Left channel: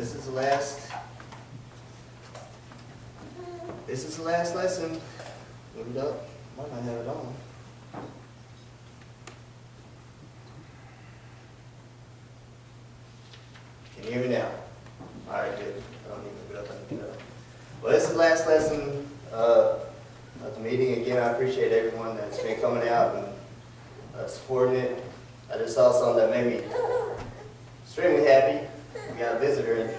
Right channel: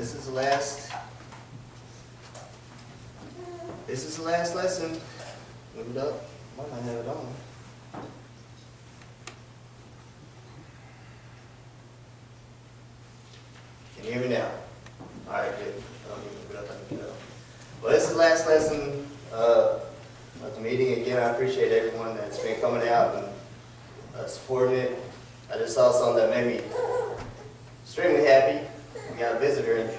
This is the last lesson. Move it up. Might not have it on. Can you hear me now? Alright, good. I don't need to move it up, I can get it up. Well, this is the last lesson of the meeting. Again, I appreciate everyone that's been coming out and supporting it. I just saw something that made me extremely happy. We got a visitor, and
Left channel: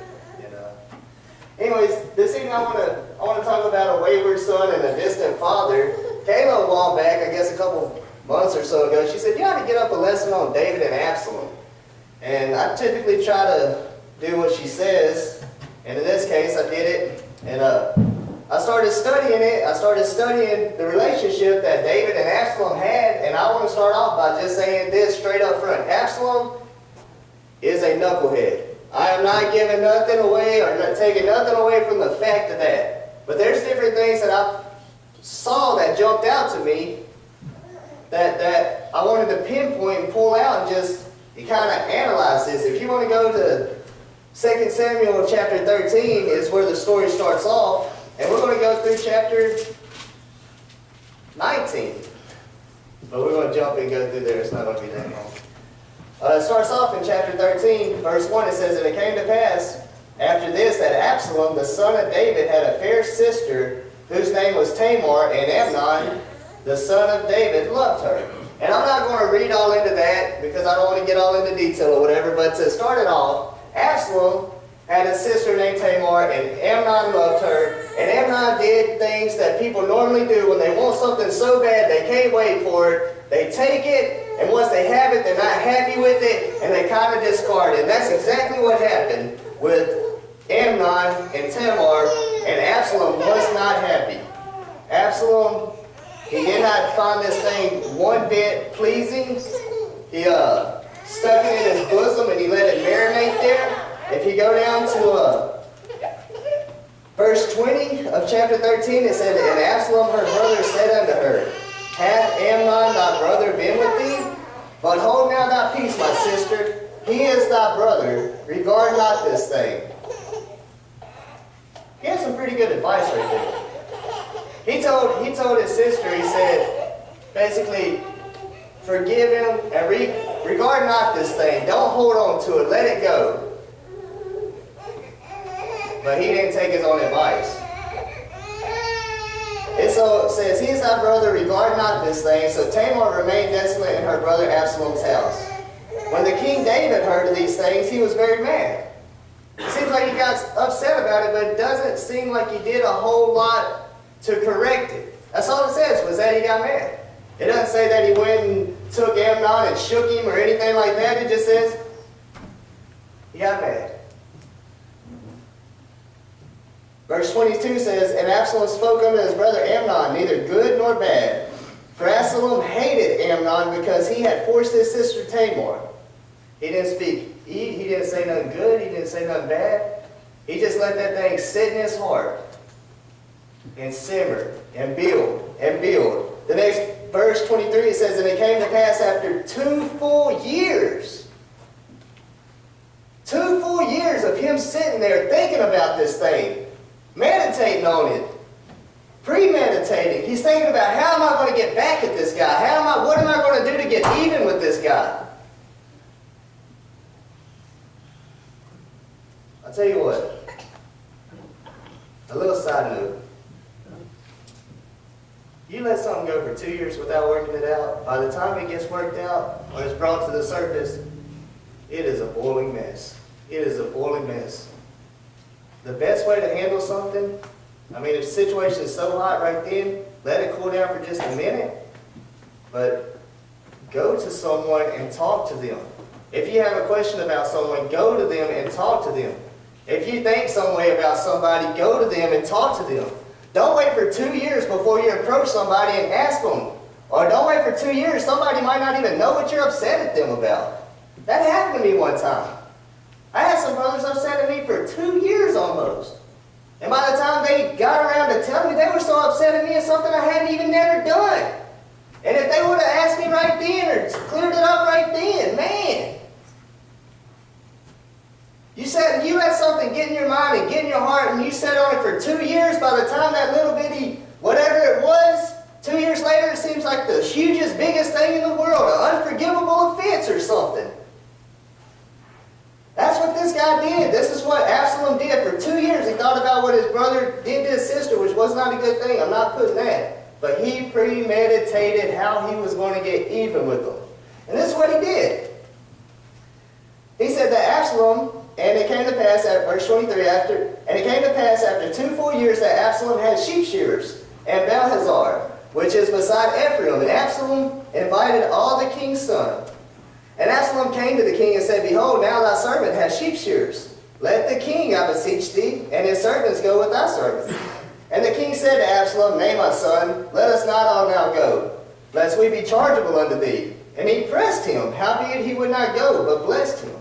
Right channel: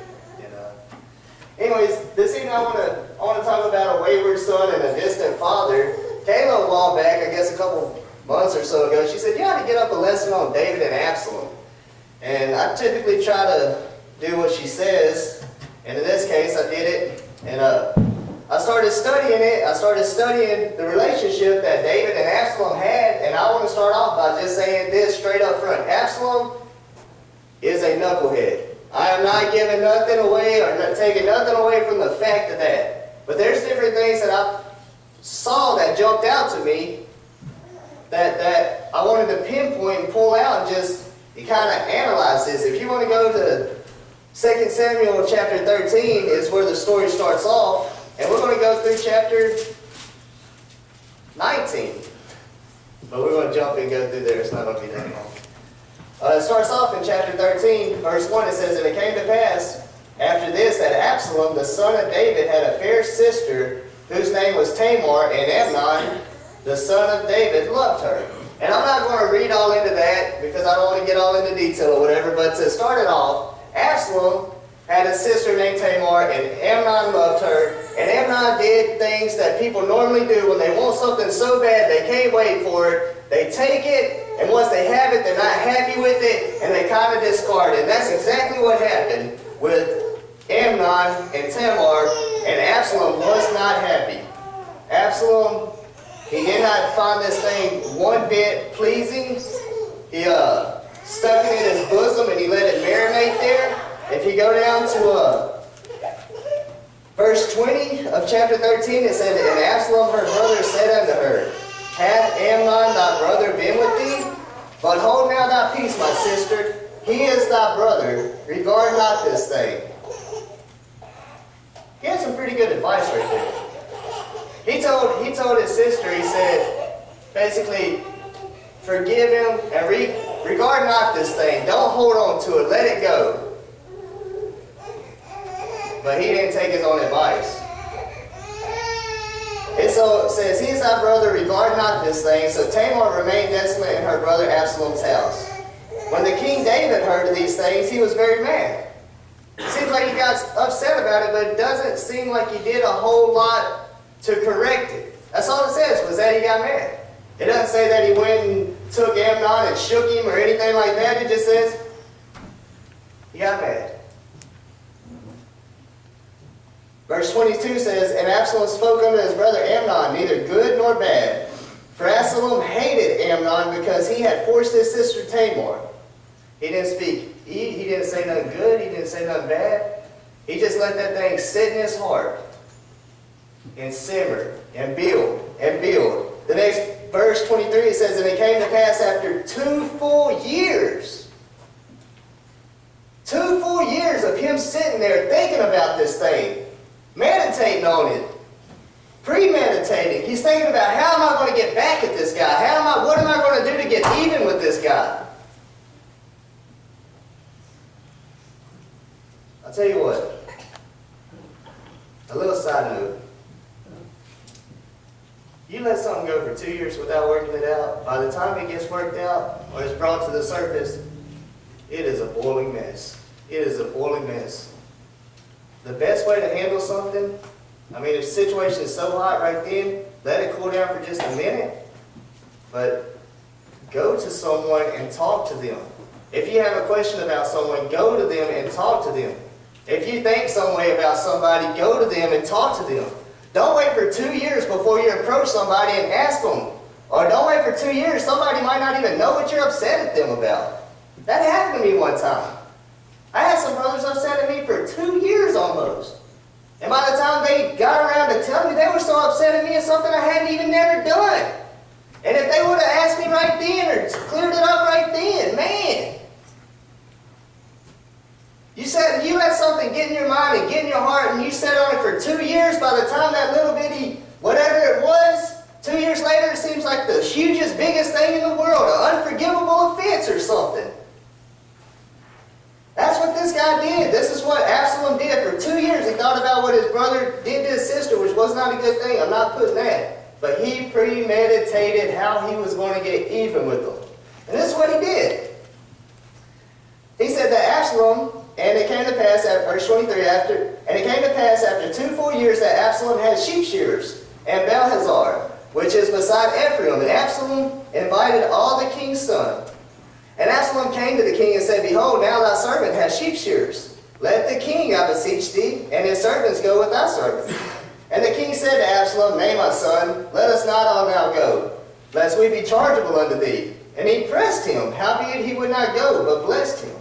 anyways, this evening I want to talk about a wayward son and a distant father. Kayla, a while back, I guess a couple months or so ago, she said, "You ought to get up a lesson on David and Absalom." And I typically try to do what she says, and in this case, I did it. And I started studying it. I started studying the relationship that David and Absalom had, and I want to start off by just saying this straight up front. Absalom is a knucklehead. I am not giving nothing away or not taking nothing away from the fact of that. But there's different things that I saw that jumped out to me that I wanted to pinpoint and pull out and just kind of analyze this. If you want to go to 2 Samuel chapter 13 is where the story starts off. And we're going to go through chapter 19. But we're going to jump and go through there. It's not going to be that long. It starts off in chapter 13, verse 1. It says, "And it came to pass after this that Absalom, the son of David, had a fair sister whose name was Tamar, and Amnon, the son of David, loved her." And I'm not going to read all into that because I don't want to get all into detail or whatever. But to start it off, Absalom had a sister named Tamar, and Amnon loved her. And Amnon did things that people normally do when they want something so bad they can't wait for it. They take it, and once they have it, they're not happy with it, and they kind of discard it. And that's exactly what happened with Amnon and Tamar, and Absalom was not happy. Absalom, he did not find this thing one bit pleasing. He stuck it in his bosom, and he let it marinate there. If you go down to verse 20 of chapter 13, it said, "And Absalom her brother said unto her, Hath Amnon thy brother been with thee? But hold now thy peace, my sister. He is thy brother. Regard not this thing." He had some pretty good advice right there. He told his sister, he said, basically, forgive him and regard not this thing. Don't hold on to it. Let it go. But he didn't take his own advice. And so it says, "He is thy brother, regard not this thing." So Tamar remained desolate in her brother Absalom's house. When the king David heard of these things, he was very mad. It seems like he got upset about it, but it doesn't seem like he did a whole lot to correct it. That's all it says, was that he got mad. It doesn't say that he went and took Amnon and shook him or anything like that. It just says he got mad. Verse 22 says, "And Absalom spoke unto his brother Amnon, neither good nor bad. For Absalom hated Amnon because he had forced his sister Tamar." He didn't speak. He didn't say nothing good. He didn't say nothing bad. He just let that thing sit in his heart and simmer and build and build. The next verse 23, it says, "And it came to pass after 2 full years." 2 full years of him sitting there thinking about this thing. Meditating on it. Premeditating. He's thinking about, how am I going to get back at this guy? What am I going to do to get even with this guy? I'll tell you what. A little side note. You let something go for 2 years without working it out, by the time it gets worked out or it's brought to the surface, it is a boiling mess. It is a boiling mess. The best way to handle something, if the situation is so hot right then, let it cool down for just a minute. But go to someone and talk to them. If you have a question about someone, go to them and talk to them. If you think some way about somebody, go to them and talk to them. Don't wait for 2 years before you approach somebody and ask them. Or don't wait for 2 years. Somebody might not even know what you're upset at them about. That happened to me one time. I had some brothers upset at me for 2 years almost. And by the time they got around to telling me, they were so upset at me at something I hadn't even never done. And if they would have asked me right then or cleared it up right then, man. You let something get in your mind and get in your heart, and you sat on it for 2 years, by the time that little bitty, whatever it was, 2 years later, it seems like the hugest, biggest thing in the world, an unforgivable offense or something. That's what this guy did. This is what Absalom did. For 2 years, he thought about what his brother did to his sister, which was not a good thing. I'm not putting that. But he premeditated how he was going to get even with them. And this is what he did. He said that Absalom, and it came to pass, at verse 23, and it came to pass after 2 full years that Absalom had sheep shearers, and Balhazar, which is beside Ephraim. And Absalom invited all the king's sons. And Absalom came to the king and said, Behold, now thy servant has sheep shearers. Let the king, I beseech thee, and his servants go with thy servants. And the king said to Absalom, Nay, my son, let us not all now go, lest we be chargeable unto thee. And he pressed him, howbeit he would not go, but blessed him.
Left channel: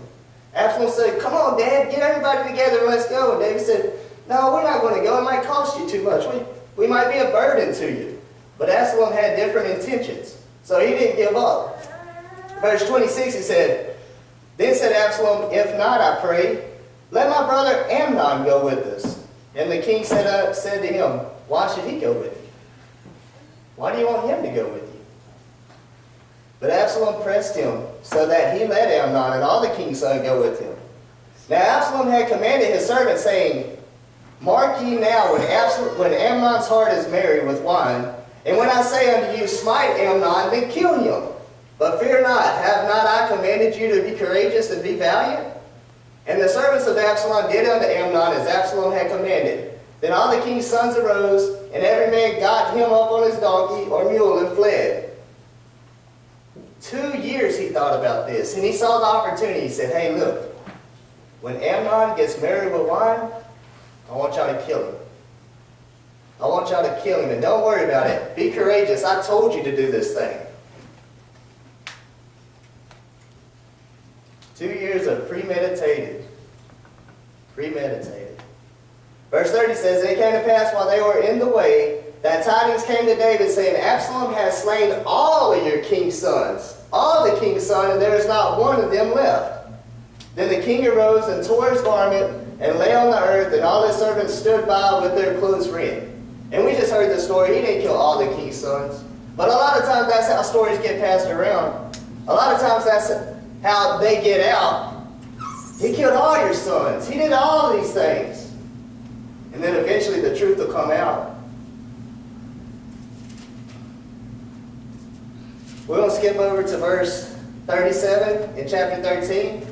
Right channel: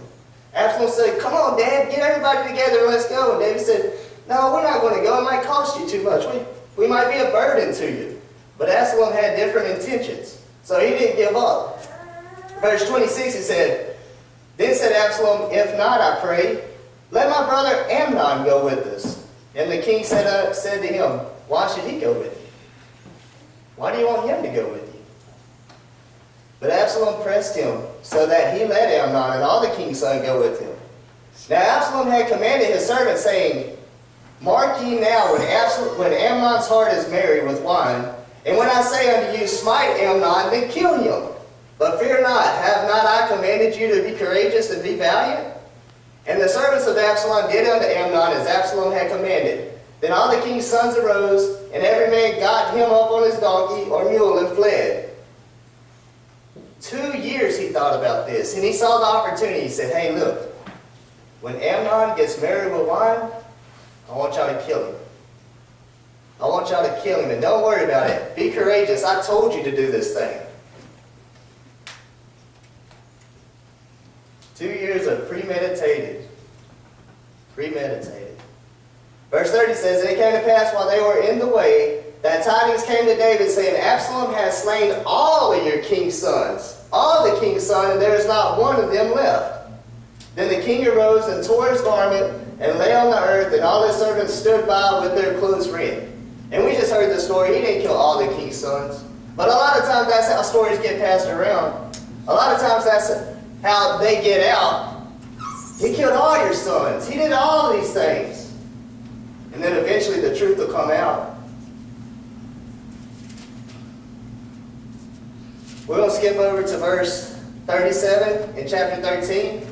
Absalom said, Come on, Dad, get everybody together and let's go. And David said, No, we're not going to go. It might cost you too much. We might be a burden to you. But Absalom had different intentions, so he didn't give up. Verse 26, he said, Then said Absalom, If not, I pray, let my brother Amnon go with us. And the king said to him, Why should he go with you? Why do you want him to go with you? But Absalom pressed him, so that he let Amnon and all the king's sons go with him. Now Absalom had commanded his servants, saying, Mark ye now, when Amnon's heart is merry with wine, and when I say unto you, Smite Amnon, then kill him. But fear not, have not I commanded you to be courageous and be valiant? And the servants of Absalom did unto Amnon as Absalom had commanded. Then all the king's sons arose, and every man got him up on his donkey or mule and fled. 2 years he thought about this, and he saw the opportunity. He said, Hey, look, when Amnon gets merry with wine, I want y'all to kill him. I want y'all to kill him, and don't worry about it. Be courageous. I told you to do this thing. 2 years of premeditated. Verse 30 says, And it came to pass while they were in the way, that tidings came to David, saying, Absalom has slain all of your king's sons, all the king's sons, and there is not one of them left. Then the king arose and tore his garment, and lay on the earth, and all his servants stood by with their clothes rent. And we just heard the story. He didn't kill all the king's sons. But a lot of times that's how stories get passed around. A lot of times that's how they get out. He killed all your sons. He did all of these things. And then eventually the truth will come out. We're going to skip over to verse 37 in chapter 13.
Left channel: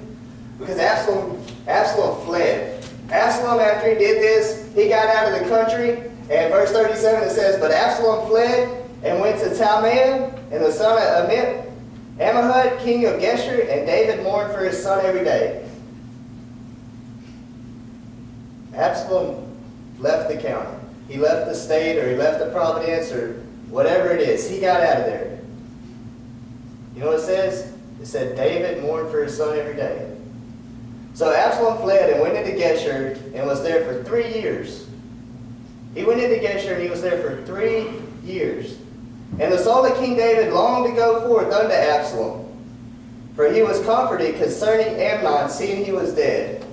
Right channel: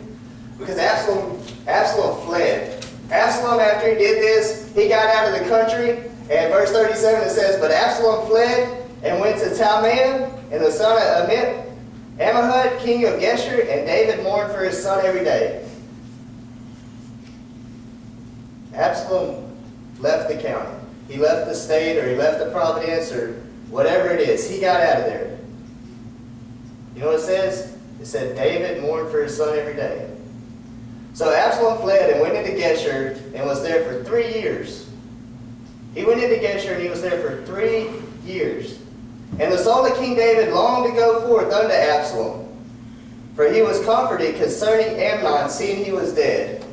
Because Absalom fled. Absalom, after he did this, he got out of the country. And verse 37 it says, But Absalom fled and went to Talmai, and the son of Ammihud, king of Geshur, and David mourned for his son every day. Absalom left the county. He left the state, or he left the province, or whatever it is. He got out of there. You know what it says? It said David mourned for his son every day. So Absalom fled and went into Geshur and was there for 3 years. He went into Geshur and he was there for 3 years. And the soul of King David longed to go forth unto Absalom, for he was comforted concerning Amnon, seeing he was dead.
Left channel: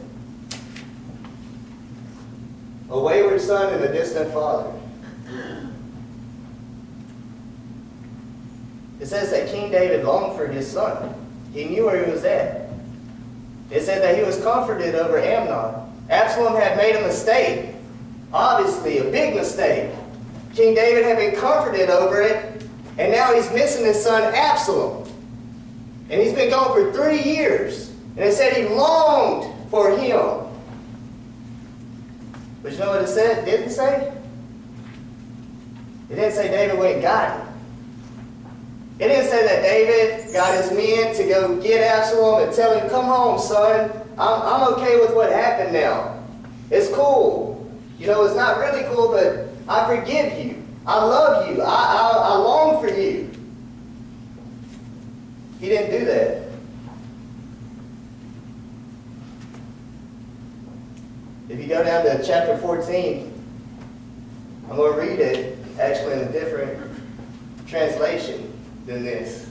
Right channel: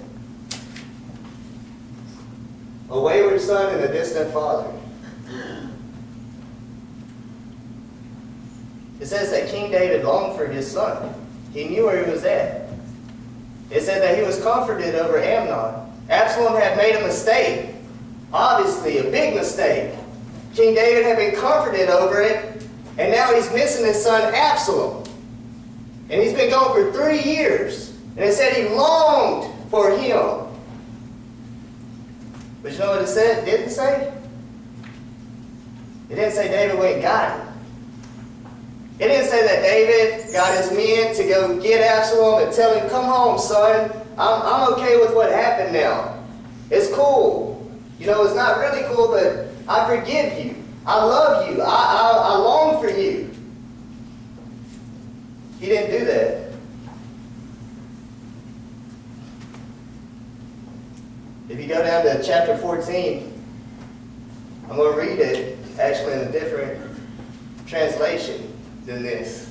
A wayward son and a distant father. It says that King David longed for his son. He knew where he was at. It said that he was comforted over Amnon. Absalom had made a mistake. Obviously, a big mistake. King David had been comforted over it, and now he's missing his son Absalom. And he's been gone for 3 years. And it said he longed for him. But you know what it said? Didn't say? It didn't say David went and got him. It didn't say that David got his men to go get Absalom and tell him, Come home, son. I'm okay with what happened now. It's cool. You know, it's not really cool, but I forgive you. I love you. I long for you. He didn't do that. If you go down to chapter 14, I'm going to read it actually in a different translation than this.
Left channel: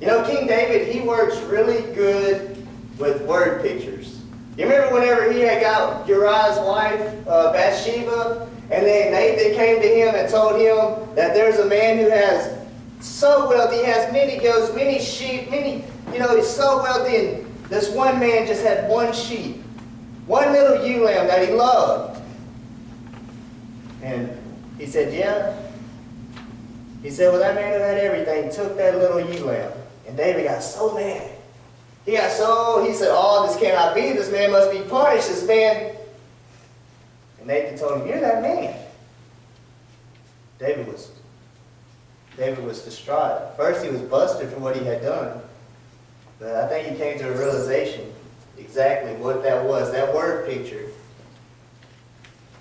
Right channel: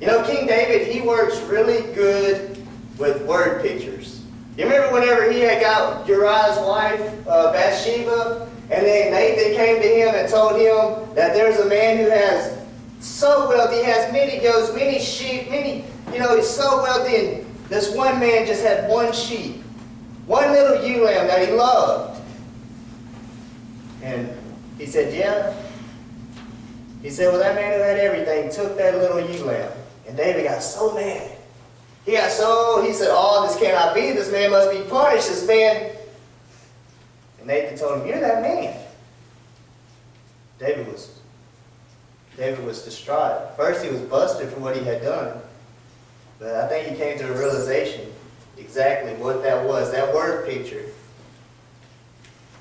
You know, King David, he works really good with word pictures. You remember whenever he had got Uriah's wife, Bathsheba, and then Nathan came to him and told him that there's a man who has so wealthy, he has many goats, many sheep, he's so wealthy, and this one man just had one sheep, one little ewe lamb that he loved. And he said, yeah. He said, well, that man who had everything took that little ewe lamb. And David got so mad. He said, oh, this cannot be. This man must be punished. This man. And Nathan told him, you're that man. David was distraught. First, he was busted for what he had done. But I think he came to a realization exactly what that was, that word picture.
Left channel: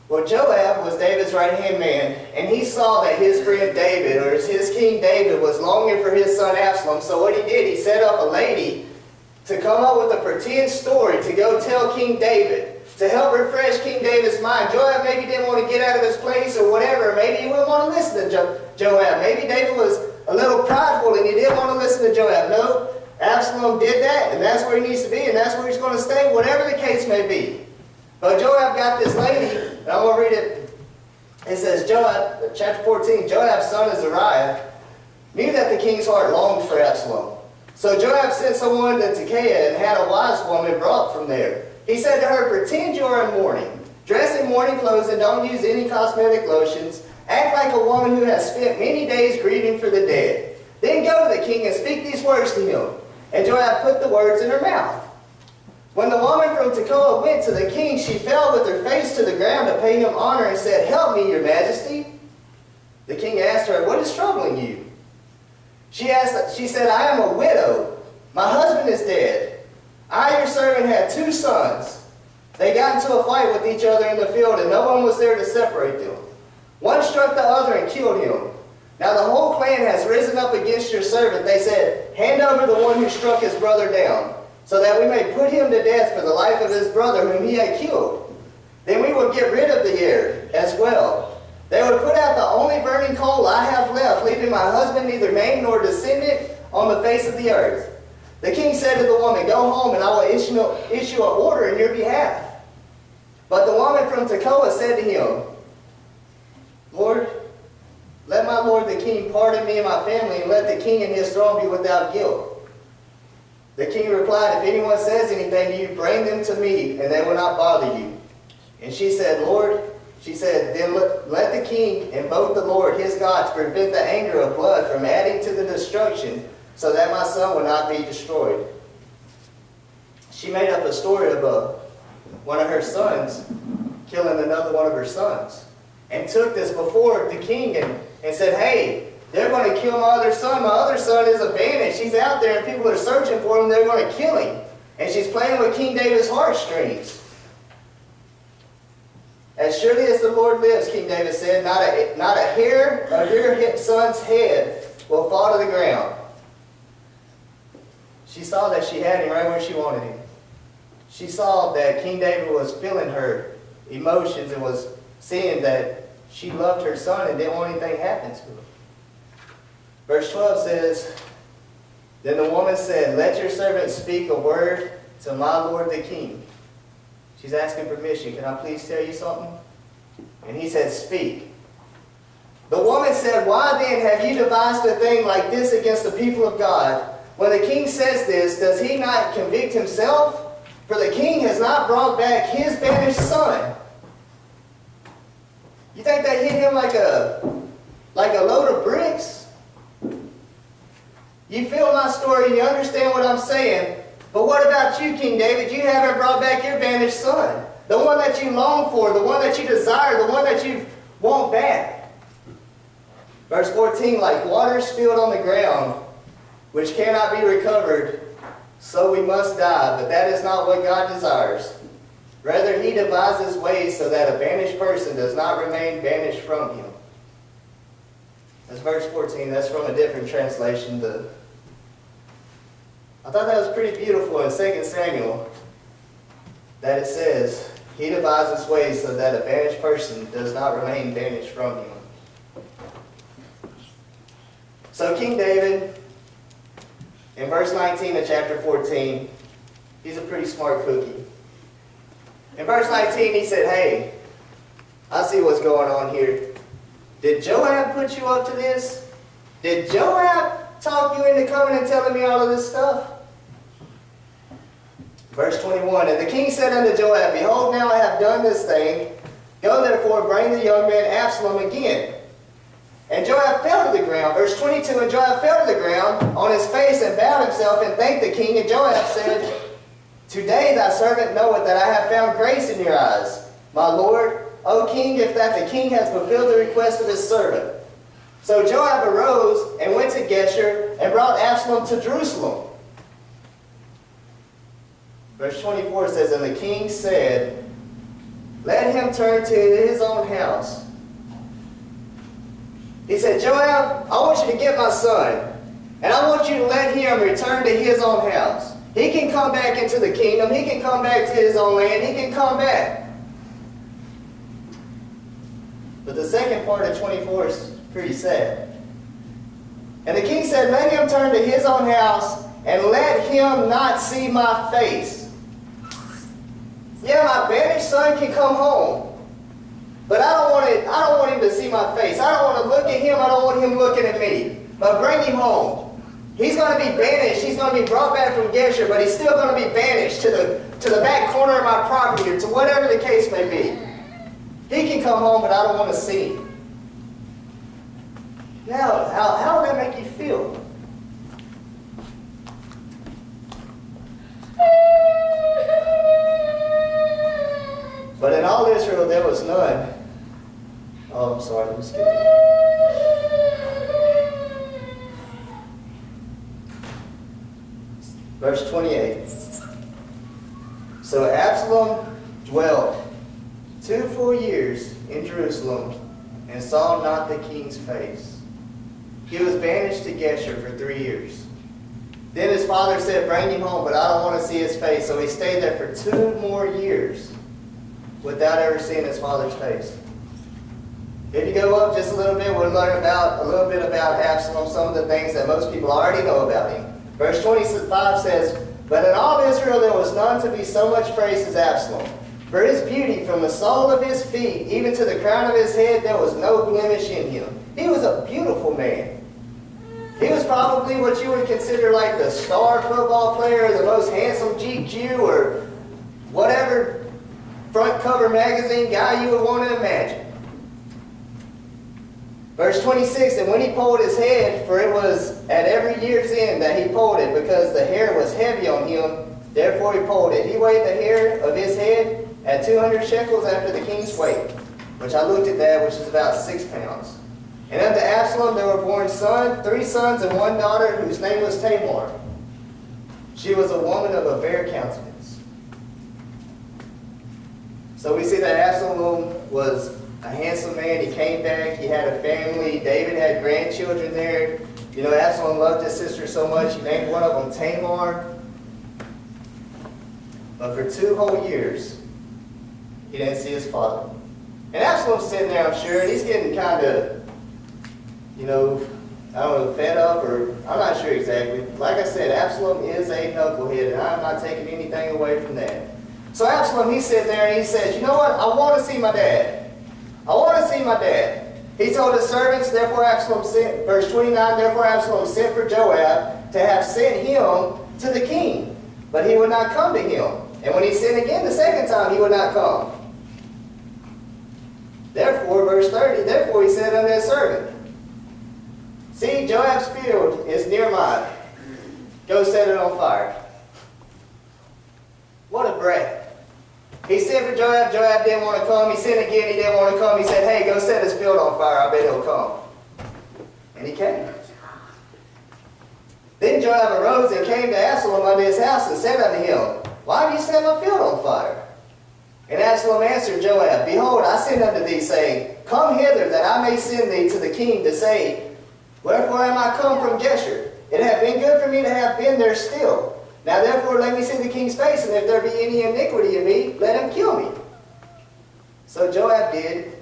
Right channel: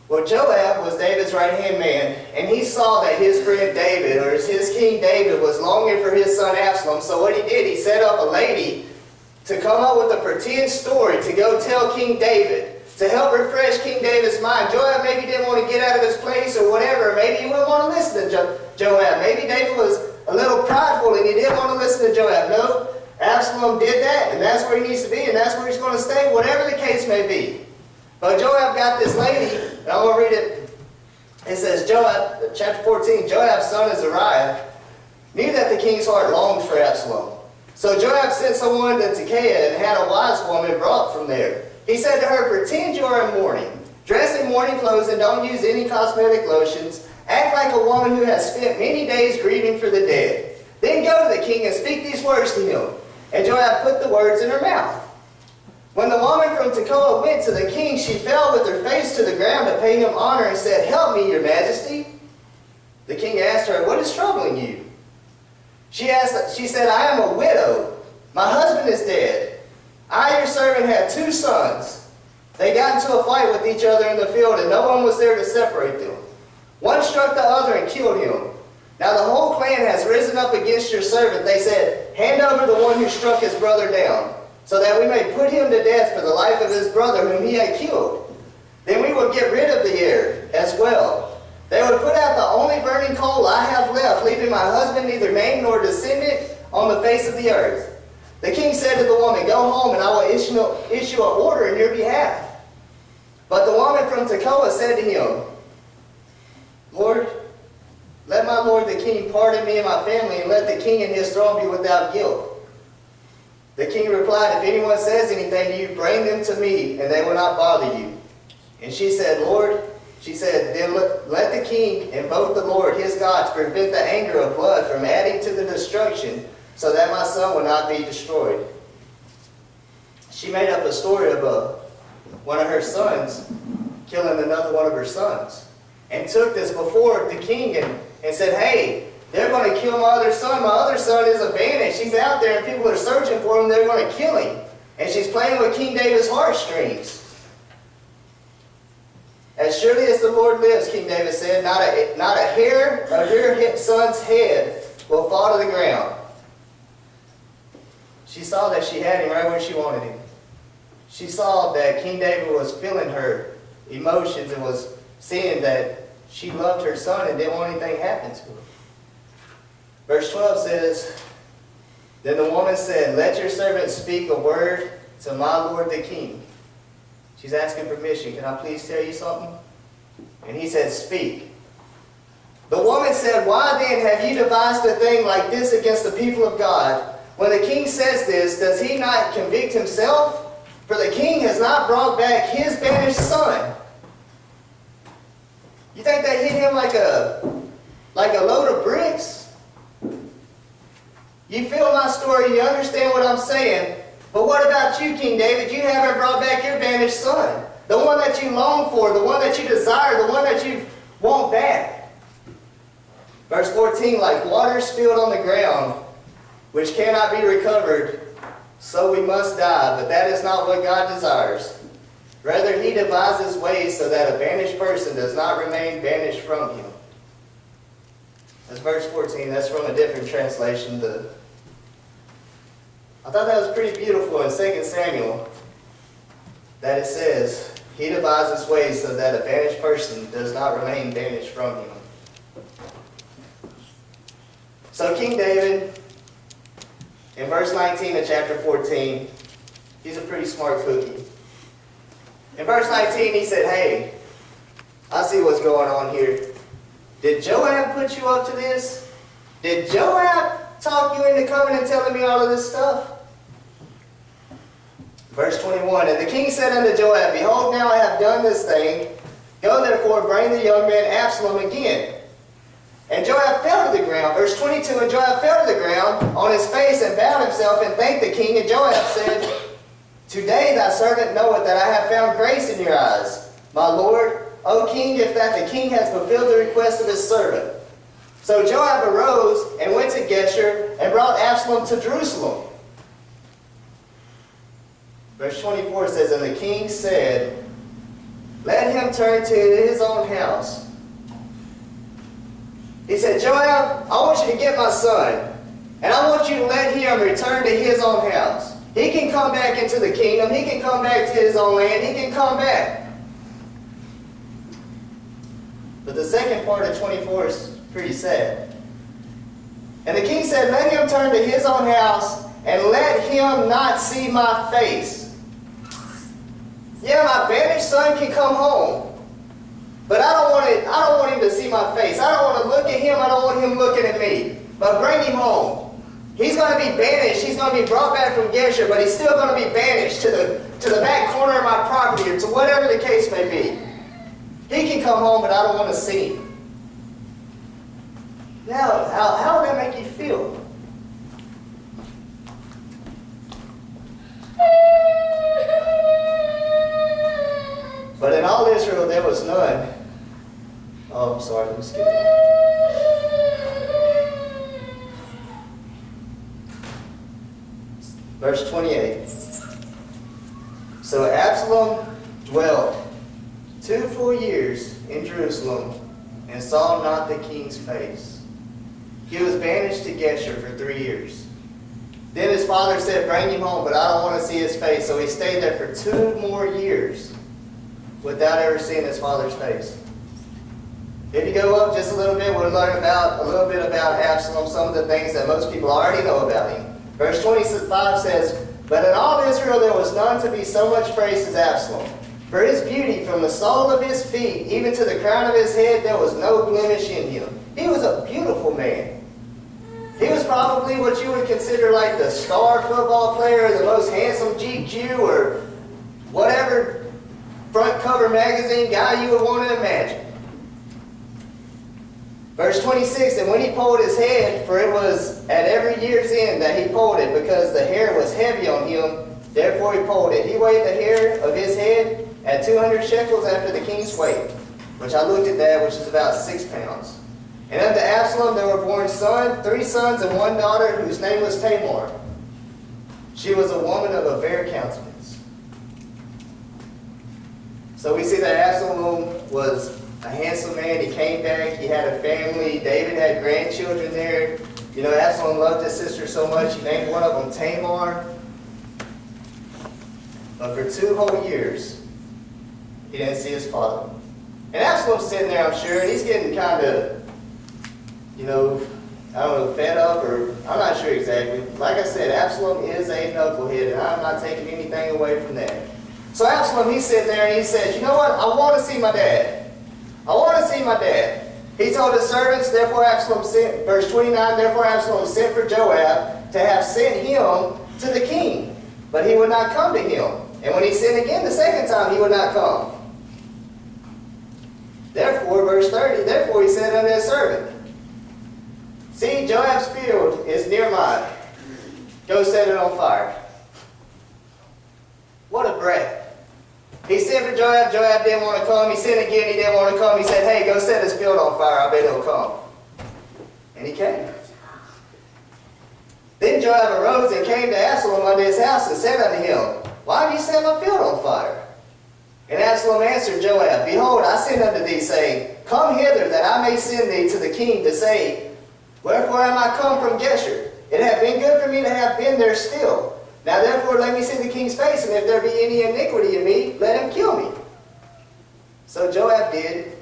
Well, Joab was David's right-hand man, and he saw that his friend David, or his king David, was longing for his son Absalom. So what he did, he set up a lady to come up with a pretend story to go tell King David, to help refresh King David's mind. Joab maybe didn't want to get out of his place or whatever. Maybe he wouldn't want to listen to Joab. Maybe David was a little prideful and he didn't want to listen to Joab. No, Absalom did that, and that's where he needs to be, and that's where he's going to stay, whatever the case may be. But Joab got this lady, and I'm going to read it. It says, Joab, chapter 14, Joab's son Azariah knew that the king's heart longed for Absalom. So Joab sent someone to Tekoa and had a wise woman brought from there. He said to her, pretend you are in mourning. Dress in mourning clothes and don't use any cosmetic lotions. Act like a woman who has spent many days grieving for the dead. Then go to the king and speak these words to him. And Joab put the words in her mouth. When the woman from Tekoa went to the king, she fell with her face to the ground to pay him honor and said, help me, your majesty. The king asked her, what is troubling you? She said, I am a widow. My husband is dead. I, your servant, had 2 sons. They got into a fight with each other in the field, and no one was there to separate them. One struck the other and killed him. Now the whole clan has risen up against your servant. They said, hand over the one who struck his brother down, so that we may put him to death for the life of his brother whom he had killed. Then we will get rid of the heir as well. They would put out the only burning coal I have left, leaving my husband neither name nor descendant on the face of the earth. The king said to the woman, go home and I will issue an order in your behalf. But the woman from Tekoa said to him, Lord, let my lord the king pardon me and my family, and let the king and his throne be without guilt. The king replied, if anyone says anything to you, bring them to me, and they will not bother you. And she said, Lord, then let the king invoke the Lord his God to prevent the anger of blood from adding to the destruction, so that my son will not be destroyed. She made up a story of one of her sons killing another one of her sons, and took this before the king and said, hey, they're going to kill my other son. My other son is abandoned. She's out there and people are searching for him. They're going to kill him. And she's playing with King David's heartstrings. As surely as the Lord lives, King David said, not a hair of your son's head will fall to the ground. She saw that she had him right where she wanted him. She saw that King David was feeling her emotions and was seeing that she loved her son and didn't want anything to happen to him. Verse 12 says, then the woman said, let your servant speak a word to my lord the king. She's asking permission. Can I please tell you something? And he said, speak. The woman said, why then have you devised a thing like this against the people of God? When the king says this, does he not convict himself? For the king has not brought back his banished son. You think that hit him like a load of bricks? You feel my story, you understand what I'm saying. But what about you, King David? You haven't brought back your banished son. The one that you long for, the one that you desire, the one that you want back. Verse 14, like water spilled on the ground, which cannot be recovered, so we must die. But that is not what God desires. Rather, he devises ways so that a banished person does not remain banished from him. That's verse 14. That's from a different translation. I thought that was pretty beautiful in 2 Samuel, that it says, he devises ways so that a banished person does not remain banished from him. So King David, in verse 19 of chapter 14, he's a pretty smart cookie. In verse 19, he said, hey, I see what's going on here. Did Joab put you up to this? Did Joab talk you into coming and telling me all of this stuff? Verse 21, and the king said unto Joab, behold, now I have done this thing. Go therefore, bring the young man Absalom again. And Joab fell to the ground. Verse 22, and Joab fell to the ground on his face and bowed himself and thanked the king. And Joab said, today thy servant knoweth that I have found grace in your eyes, my lord, O king, if that the king hath fulfilled the request of his servant. So Joab arose and went to Geshur and brought Absalom to Jerusalem. Verse 24 says, and the king said, let him turn to his own house. He said, Joab, I want you to get my son, and I want you to let him return to his own house. He can come back into the kingdom. He can come back to his own land. He can come back. But the second part of 24 is pretty sad. And the king said, let him turn to his own house, and let him not see my face. Yeah, my banished son can come home. But I don't want him to see my face. I don't want to look at him. I don't want him looking at me. But bring him home. He's going to be banished. He's going to be brought back from Geshur, but he's still going to be banished to the back corner of my property, or to whatever the case may be. He can come home, but I don't want to see him. Now, how would that make you feel? But in all Israel there was none. Oh, I'm sorry, let me skip it. Verse 28. So Absalom dwelt 2 full years in Jerusalem and saw not the king's face. He was banished to Geshur for 3 years. Then his father said, bring him home, but I don't want to see his face. So he stayed there for 2 more years without ever seeing his father's face. If you go up just a little bit, we'll learn a little bit about Absalom, some of the things that most people already know about him. Verse 25 says, but in all Israel there was none to be so much praised as Absalom. For his beauty, from the sole of his feet even to the crown of his head, there was no blemish in him. He was a beautiful man. He was probably what you would consider like the star football player, the most handsome GQ, or whatever front cover magazine guy you would want to imagine. Verse 26, and when he pulled his head, for it was at every year's end that he pulled it, because the hair was heavy on him, therefore he pulled it. He weighed the hair of his head at 200 shekels after the king's weight, which I looked at that, which is about 6 pounds. And unto Absalom there were born 3 sons and 1 daughter, whose name was Tamar. She was a woman of a fair countenance. So we see that Absalom was a handsome man. He came back. He had a family. David had grandchildren there. You know, Absalom loved his sister so much, he named one of them Tamar. But for 2 whole years, he didn't see his father. And Absalom's sitting there, I'm sure, and he's getting kind of, you know, I don't know, fed up, or I'm not sure exactly. Like I said, Absalom is a knucklehead, and I'm not taking anything away from that. So Absalom, he's sitting there, and he says, you know what? I want to see my dad. I want to see my dad. He told his servants, therefore Absalom sent, verse 29, therefore Absalom sent for Joab to have sent him to the king. But he would not come to him. And when he sent again the second time, he would not come. Therefore, verse 30, therefore he said unto his servant, see, Joab's field is near mine. Go set it on fire. What a brat. He sent for Joab. Joab didn't want to come. He sent again. He didn't want to come. He said, hey, go set his field on fire. I bet he'll come. And he came. Then Joab arose and came to Absalom unto his house and said unto him, why have you set my field on fire? And Absalom answered Joab, behold, I sent unto thee, saying, come hither, that I may send thee to the king to say, wherefore am I come from Geshur? It hath been good for me to have been there still. Now therefore let me see the king's face, and if there be any iniquity in me, let him kill me. So Joab did.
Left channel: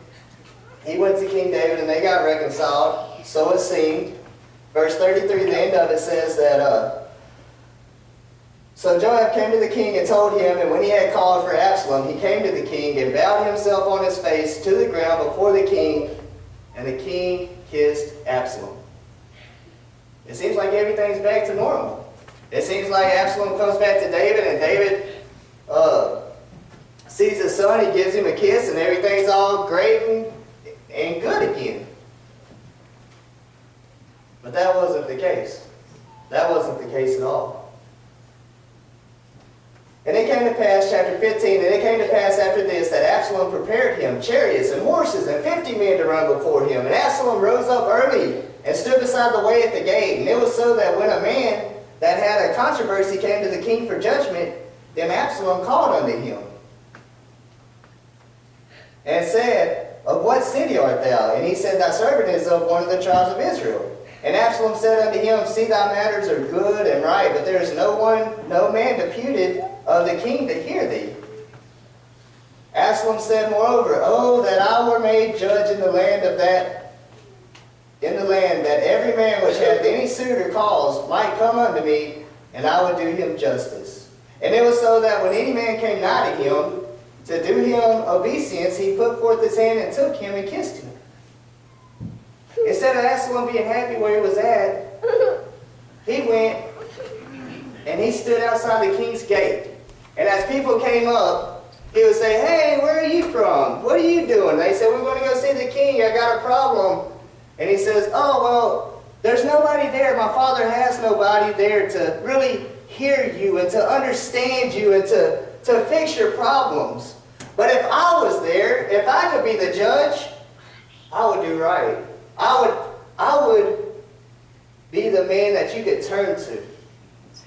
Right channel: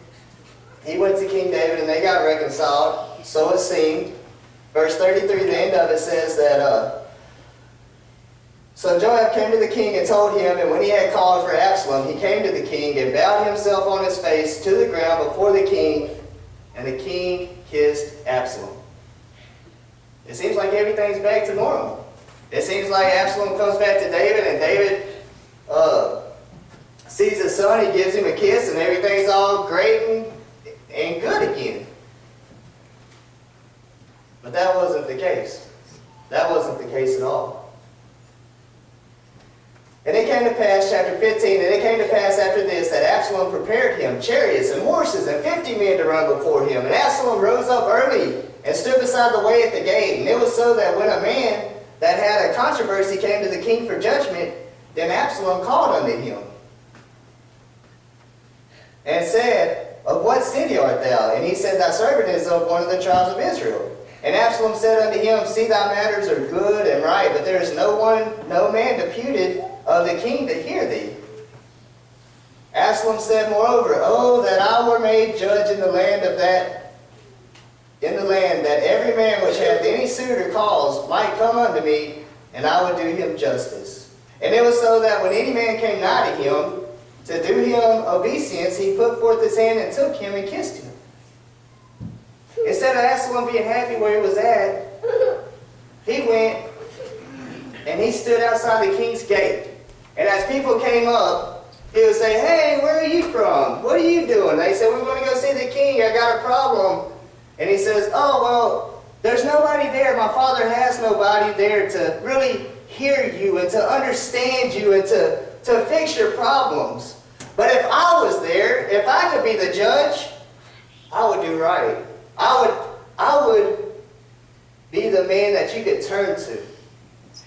He went to King David, and they got reconciled. So it seemed. Verse 33, the end of it says that, So Joab came to the king and told him, and when he had called for Absalom, he came to the king and bowed himself on his face to the ground before the king, and the king kissed Absalom. It seems like everything's back to normal. It seems like Absalom comes back to David, and David sees his son, he gives him a kiss, and everything's all great and good again. But that wasn't the case. That wasn't the case at all. And it came to pass, chapter 15, and it came to pass after this that Absalom prepared him chariots and horses and 50 men to run before him. And Absalom rose up early and stood beside the way at the gate. And it was so that when a man that had a controversy came to the king for judgment, then Absalom called unto him and said, Of what city art thou? And he said, Thy servant is of one of the tribes of Israel. And Absalom said unto him, See, thy matters are good and right, but there is no man deputed of the king to hear thee. Absalom said moreover, Oh, that I were made judge in the land that every man which hath any suit or cause might come unto me, and I would do him justice. And it was so that when any man came nigh to him to do him obeisance, he put forth his hand and took him and kissed him. Instead of Absalom being happy where he was at, he went and he stood outside the king's gate. And as people came up, he would say, Hey, where are you from? What are you doing? They said, We're going to go see the king. I got a problem. And he says, Oh, well, there's nobody there. My father has nobody there to really hear you and to understand you and to fix your problems. But if I was there, if I could be the judge, I would do right. I would be the man that you could turn to.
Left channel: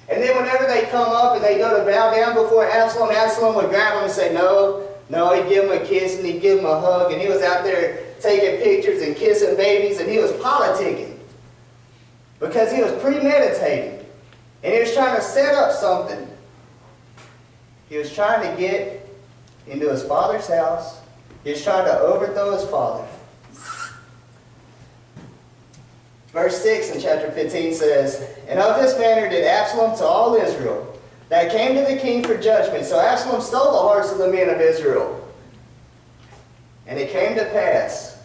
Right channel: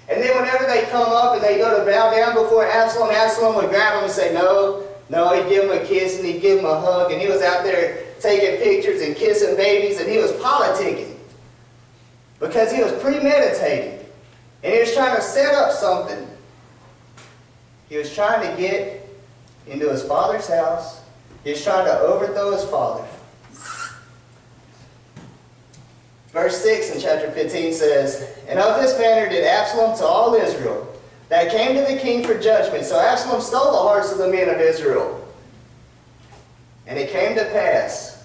And then whenever they come up and they go to bow down before Absalom, Absalom would grab him and say, No, he'd give him a kiss and he'd give him a hug. And he was out there taking pictures and kissing babies, and he was politicking because he was premeditating. And he was trying to set up something. He was trying to get into his father's house. He was trying to overthrow his father. Verse 6 in chapter 15 says, And of this manner did Absalom to all Israel, that came to the king for judgment. So Absalom stole the hearts of the men of Israel. And it came to pass,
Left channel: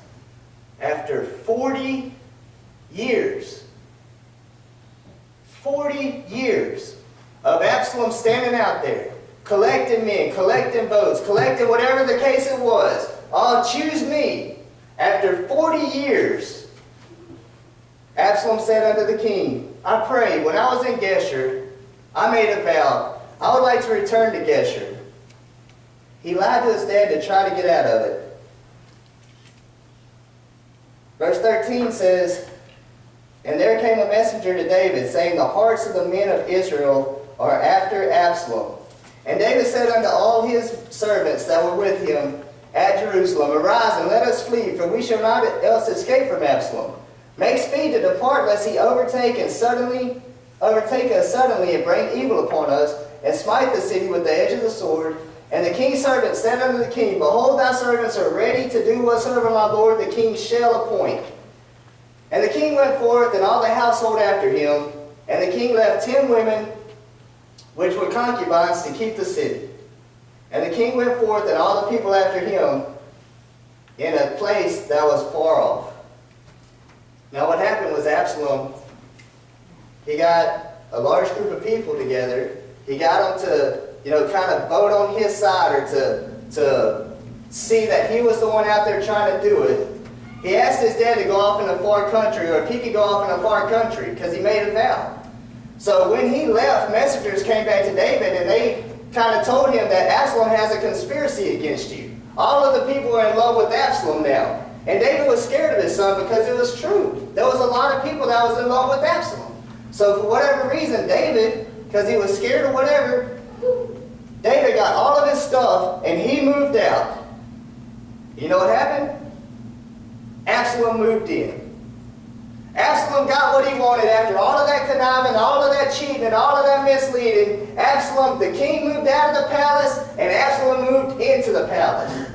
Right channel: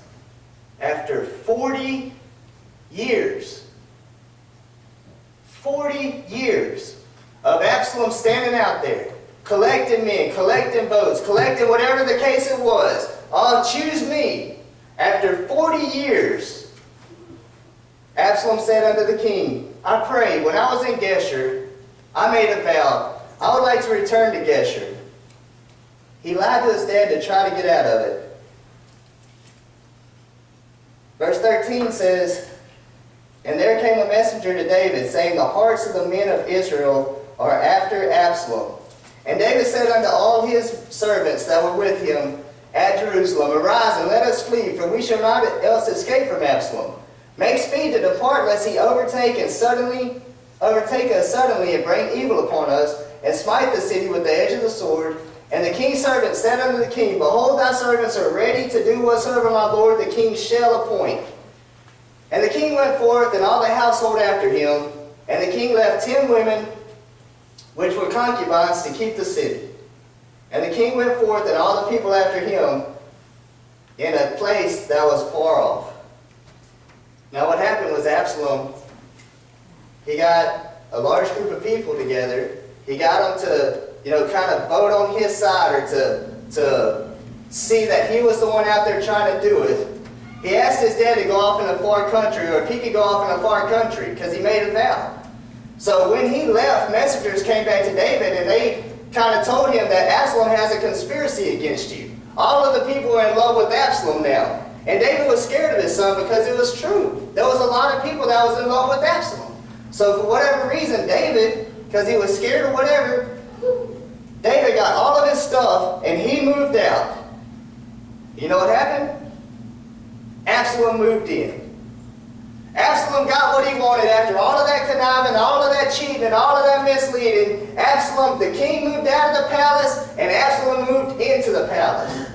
after 40 years of Absalom standing out there, collecting men, collecting votes, collecting whatever the case it was, choose me. After 40 years, Absalom said unto the king, I pray, when I was in Geshur, I made a vow. I would like to return to Geshur. He lied to his dad to try to get out of it. Verse 13 says, And there came a messenger to David, saying, The hearts of the men of Israel are after Absalom. And David said unto all his servants that were with him at Jerusalem, Arise and let us flee, for we shall not else escape from Absalom. Make speed to depart, lest he overtake us suddenly and bring evil upon us, and smite the city with the edge of the sword. And the king's servant said unto the king, Behold, thy servants are ready to do whatsoever my lord the king shall appoint. And the king went forth, and all the household after him. And the king left 10 women, which were concubines, to keep the city. And the king went forth, and all the people after him, in a place that was far off. Now what happened was Absalom, he got a large group of people together. He got them to, kind of vote on his side, or to see that he was the one out there trying to do it. He asked his dad to go off in a far country, or if he could go off in a far country, because he made a vow. So when he left, messengers came back to David, and they kind of told him that Absalom has a conspiracy against you. All of the people are in love with Absalom now. And David was scared of his son because it was true. There was a lot of people that was in love with Absalom. So for whatever reason, David, because he was scared or whatever, David got all of his stuff and he moved out. You know what happened? Absalom moved in. Absalom got what he wanted after all of that conniving, all of that cheating, and all of that misleading. Absalom, the king, moved out of the palace, and Absalom moved into the palace.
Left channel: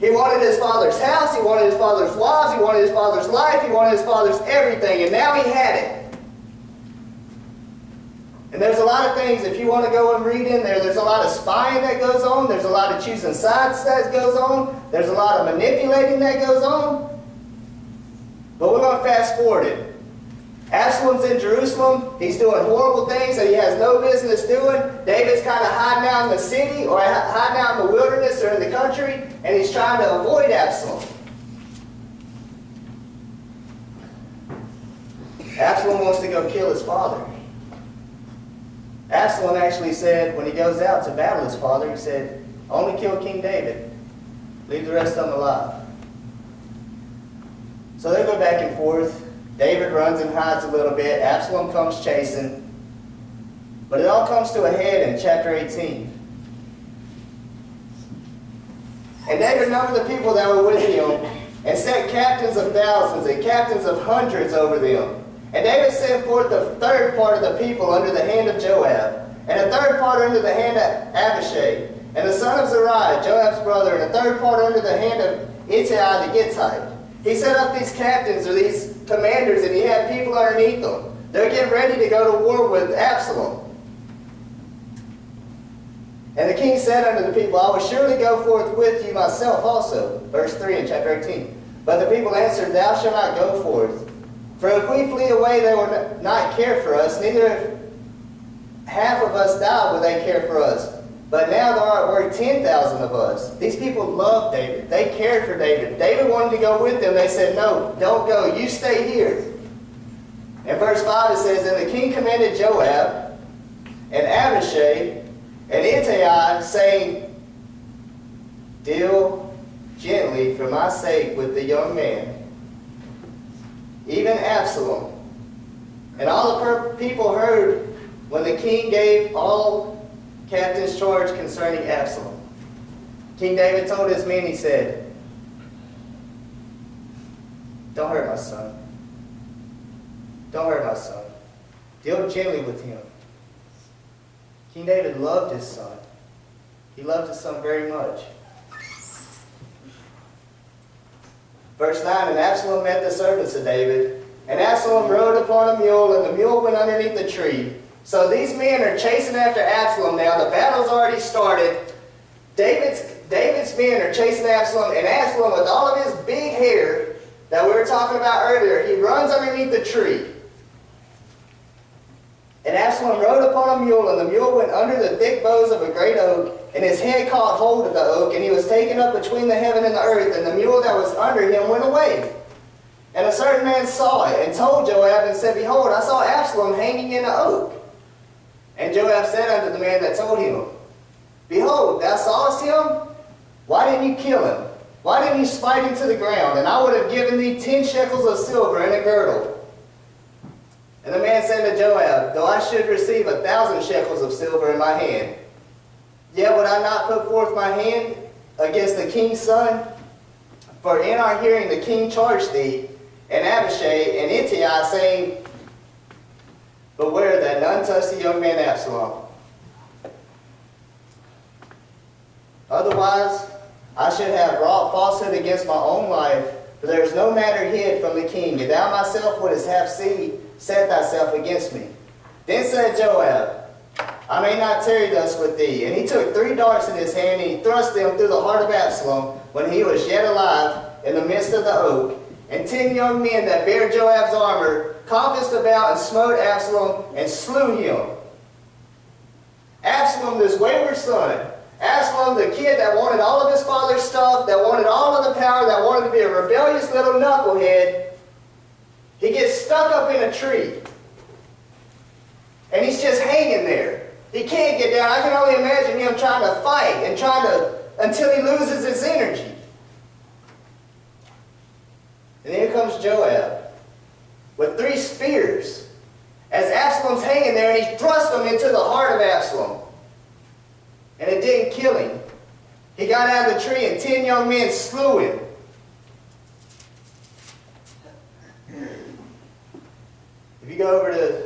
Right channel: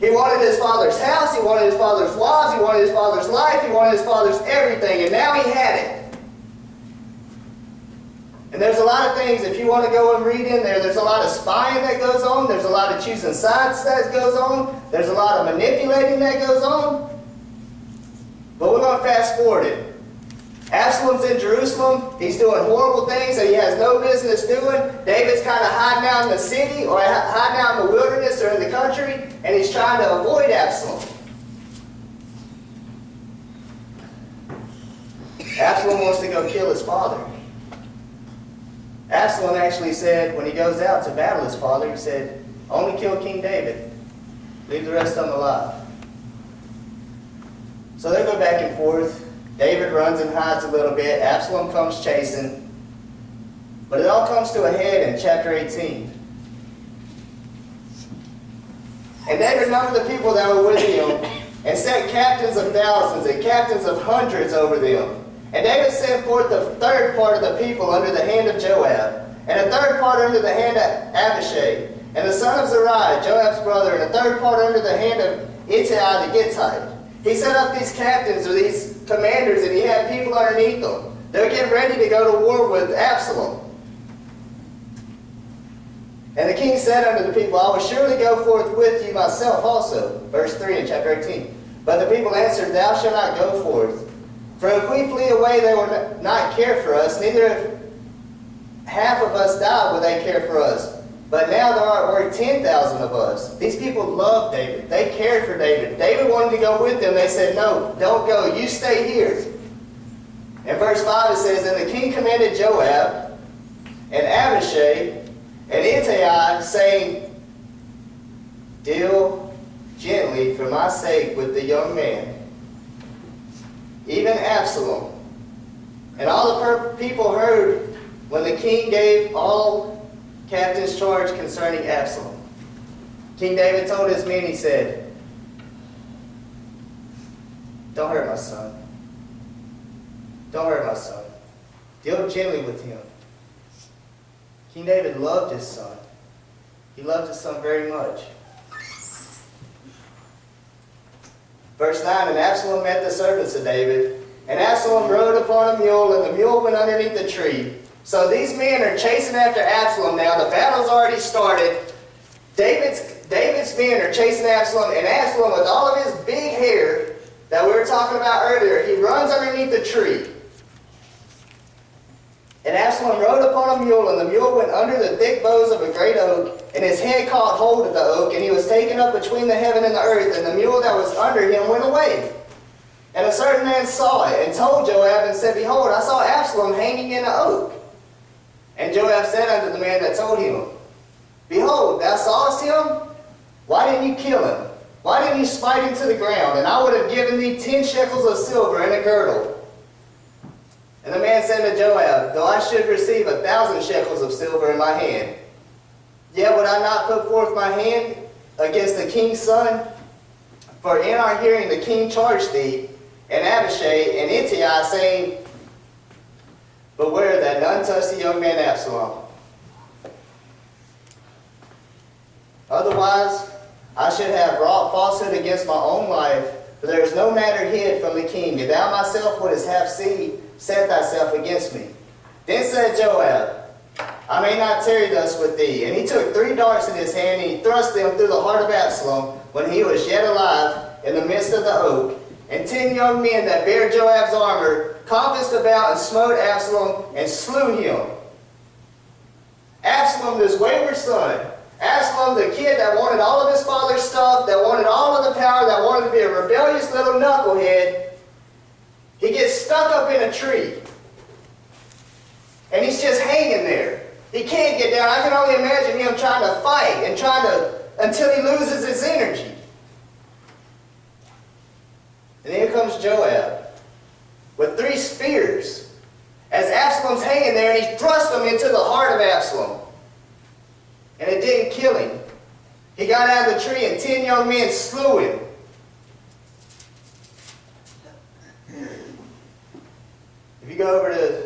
He wanted his father's house, he wanted his father's wives, he wanted his father's life, he wanted his father's everything, and now he had it. And there's a lot of things, if you want to go and read in there, there's a lot of spying that goes on. There's a lot of choosing sides that goes on. There's a lot of manipulating that goes on. But we're going to fast forward it. Absalom's in Jerusalem. He's doing horrible things that he has no business doing. David's kind of hiding out in the city or hiding out in the wilderness or in the country, and he's trying to avoid Absalom. Absalom wants to go kill his father. Absalom actually said, when he goes out to battle his father, he said, only kill King David. Leave the rest of them alive. So they go back and forth. David runs and hides a little bit. Absalom comes chasing. But it all comes to a head in chapter 18. And David numbered the people that were with him and set captains of thousands and captains of hundreds over them. And David sent forth the third part of the people under the hand of Joab, and a third part under the hand of Abishai, and the son of Zeruiah, Joab's brother, and a third part under the hand of Ittai the Gittite. He set up these captains, or these commanders, and he had people underneath them. They're getting ready to go to war with Absalom. And the king said unto the people, I will surely go forth with you myself also. Verse 3 in chapter 18. But the people answered, Thou shalt not go forth. For if we flee away, they will not care for us, neither if half of us die will they care for us. But now there are 10,000 of us. These people loved David. They cared for David. David wanted to go with them. They said, no, don't go. You stay here. In verse 5 it says, And the king commanded Joab and Abishai and Ittai, saying, Deal gently for my sake with the young man, even Absalom. And all the people heard when the king gave all captains charge concerning Absalom. King David told his men, he said, Don't hurt my son. Don't hurt my son. Deal gently with him. King David loved his son. He loved his son very much. Verse 9, And Absalom met the servants of David, and Absalom rode upon a mule, and the mule went underneath the tree. So these men are chasing after Absalom now. The battle's already started. David's men are chasing Absalom, and Absalom, with all of his big hair that we were talking about earlier, he runs underneath the tree. And Absalom rode upon a mule, and the mule went under the thick boughs of a great oak, and his head caught hold of the oak, and he was taken up between the heaven and the earth, and the mule that was under him went away. And a certain man saw it, and told Joab, and said, Behold, I saw Absalom hanging in the oak. And Joab said unto the man that told him, Behold, thou sawest him? Why didn't you kill him? Why didn't you smite him to the ground? And I would have given thee 10 shekels of silver and a girdle. And the man said to Joab, Though I should receive 1,000 shekels of silver in my hand, yet would I not put forth my hand against the king's son? For in our hearing the king charged thee, and Abishai and Ittai, saying, Beware that none touch the young man Absalom. Otherwise, I should have wrought falsehood against my own life, for there is no matter hid from the king, and thou myself wouldst have set thyself against me. Then said Joab, I may not tarry thus with thee. And he took 3 darts in his hand, and he thrust them through the heart of Absalom, when he was yet alive in the midst of the oak. And 10 young men that bare Joab's armor compassed about and smote Absalom and slew him. Absalom, this wayward son, Absalom, the kid that wanted all of his father's stuff, that wanted all of the power, that wanted to be a rebellious little knucklehead, he gets stuck up in a tree. And he's just hanging there. He can't get down. I can only imagine him trying to fight and until he loses his energy. And here comes Joab with 3 spears as Absalom's hanging there, and he thrust them into the heart of Absalom. And it didn't kill him. He got out of the tree, and 10 young men slew him. If you go over to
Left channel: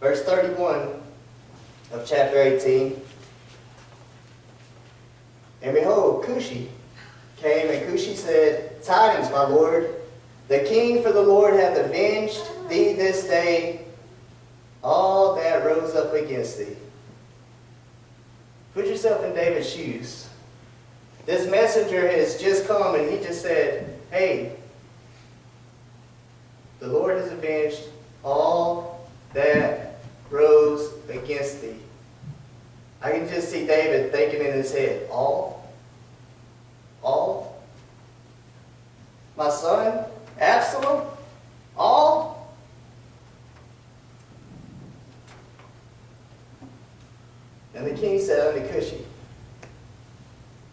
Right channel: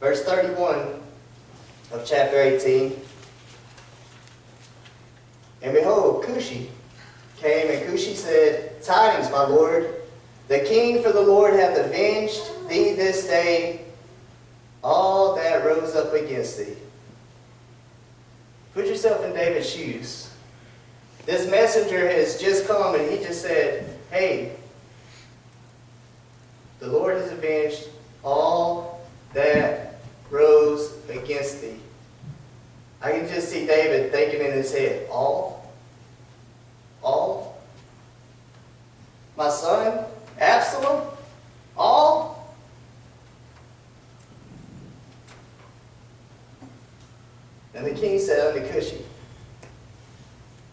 verse 31 of chapter 18, And behold, Cushi came, and Cushi said, Tidings, my lord, the king, for the Lord hath avenged thee this day all that rose up against thee. Put yourself in David's shoes. This messenger has just come and he just said, hey, the Lord has avenged all that rose against thee. I can just see David thinking in his head, all? All? My son, Absalom? All? And the king said unto Cushi,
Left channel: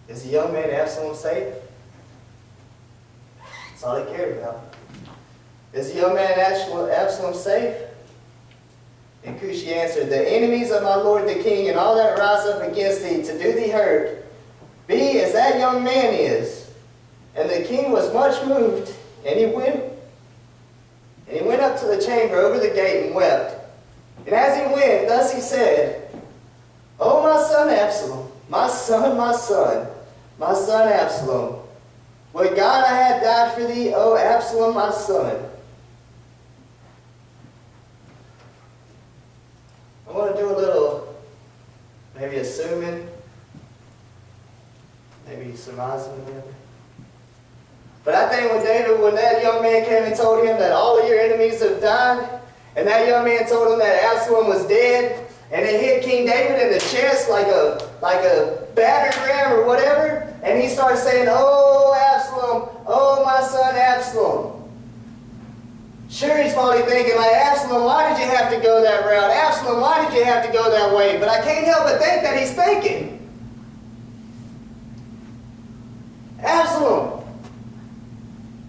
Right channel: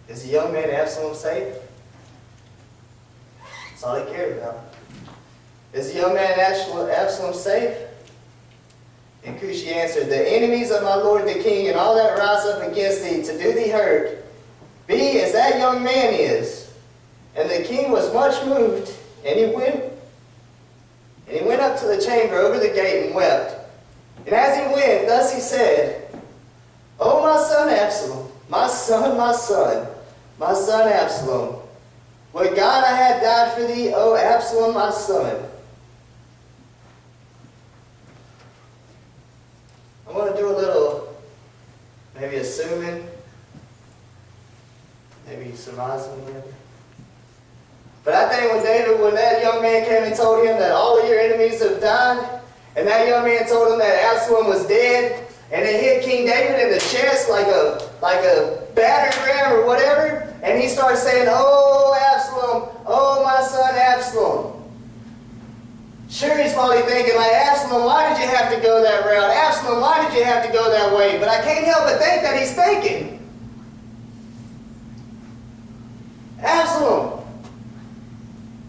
is the young man Absalom safe? That's all he cared about. Is the young man Absalom safe? And Cushi answered, the enemies of my lord the king and all that rise up against thee to do thee hurt, be as that young man is. And the king was much moved, and he went up to the chamber over the gate and wept. And as he went, thus he said, O my son Absalom, my son, my son, my son Absalom, would God I had died for thee, O Absalom, my son. I'm going to do a little, maybe assuming, maybe surmising, maybe. But I think when that young man came and told him that all of your enemies have died, and that young man told him that Absalom was dead, and it hit King David in the chest like a battering ram or whatever, and he starts saying, oh, Absalom, oh, my son Absalom. Sure, he's probably thinking, like, Absalom, why did you have to go that route? Absalom, why did you have to go that way? But I can't help but think that he's thinking, Absalom,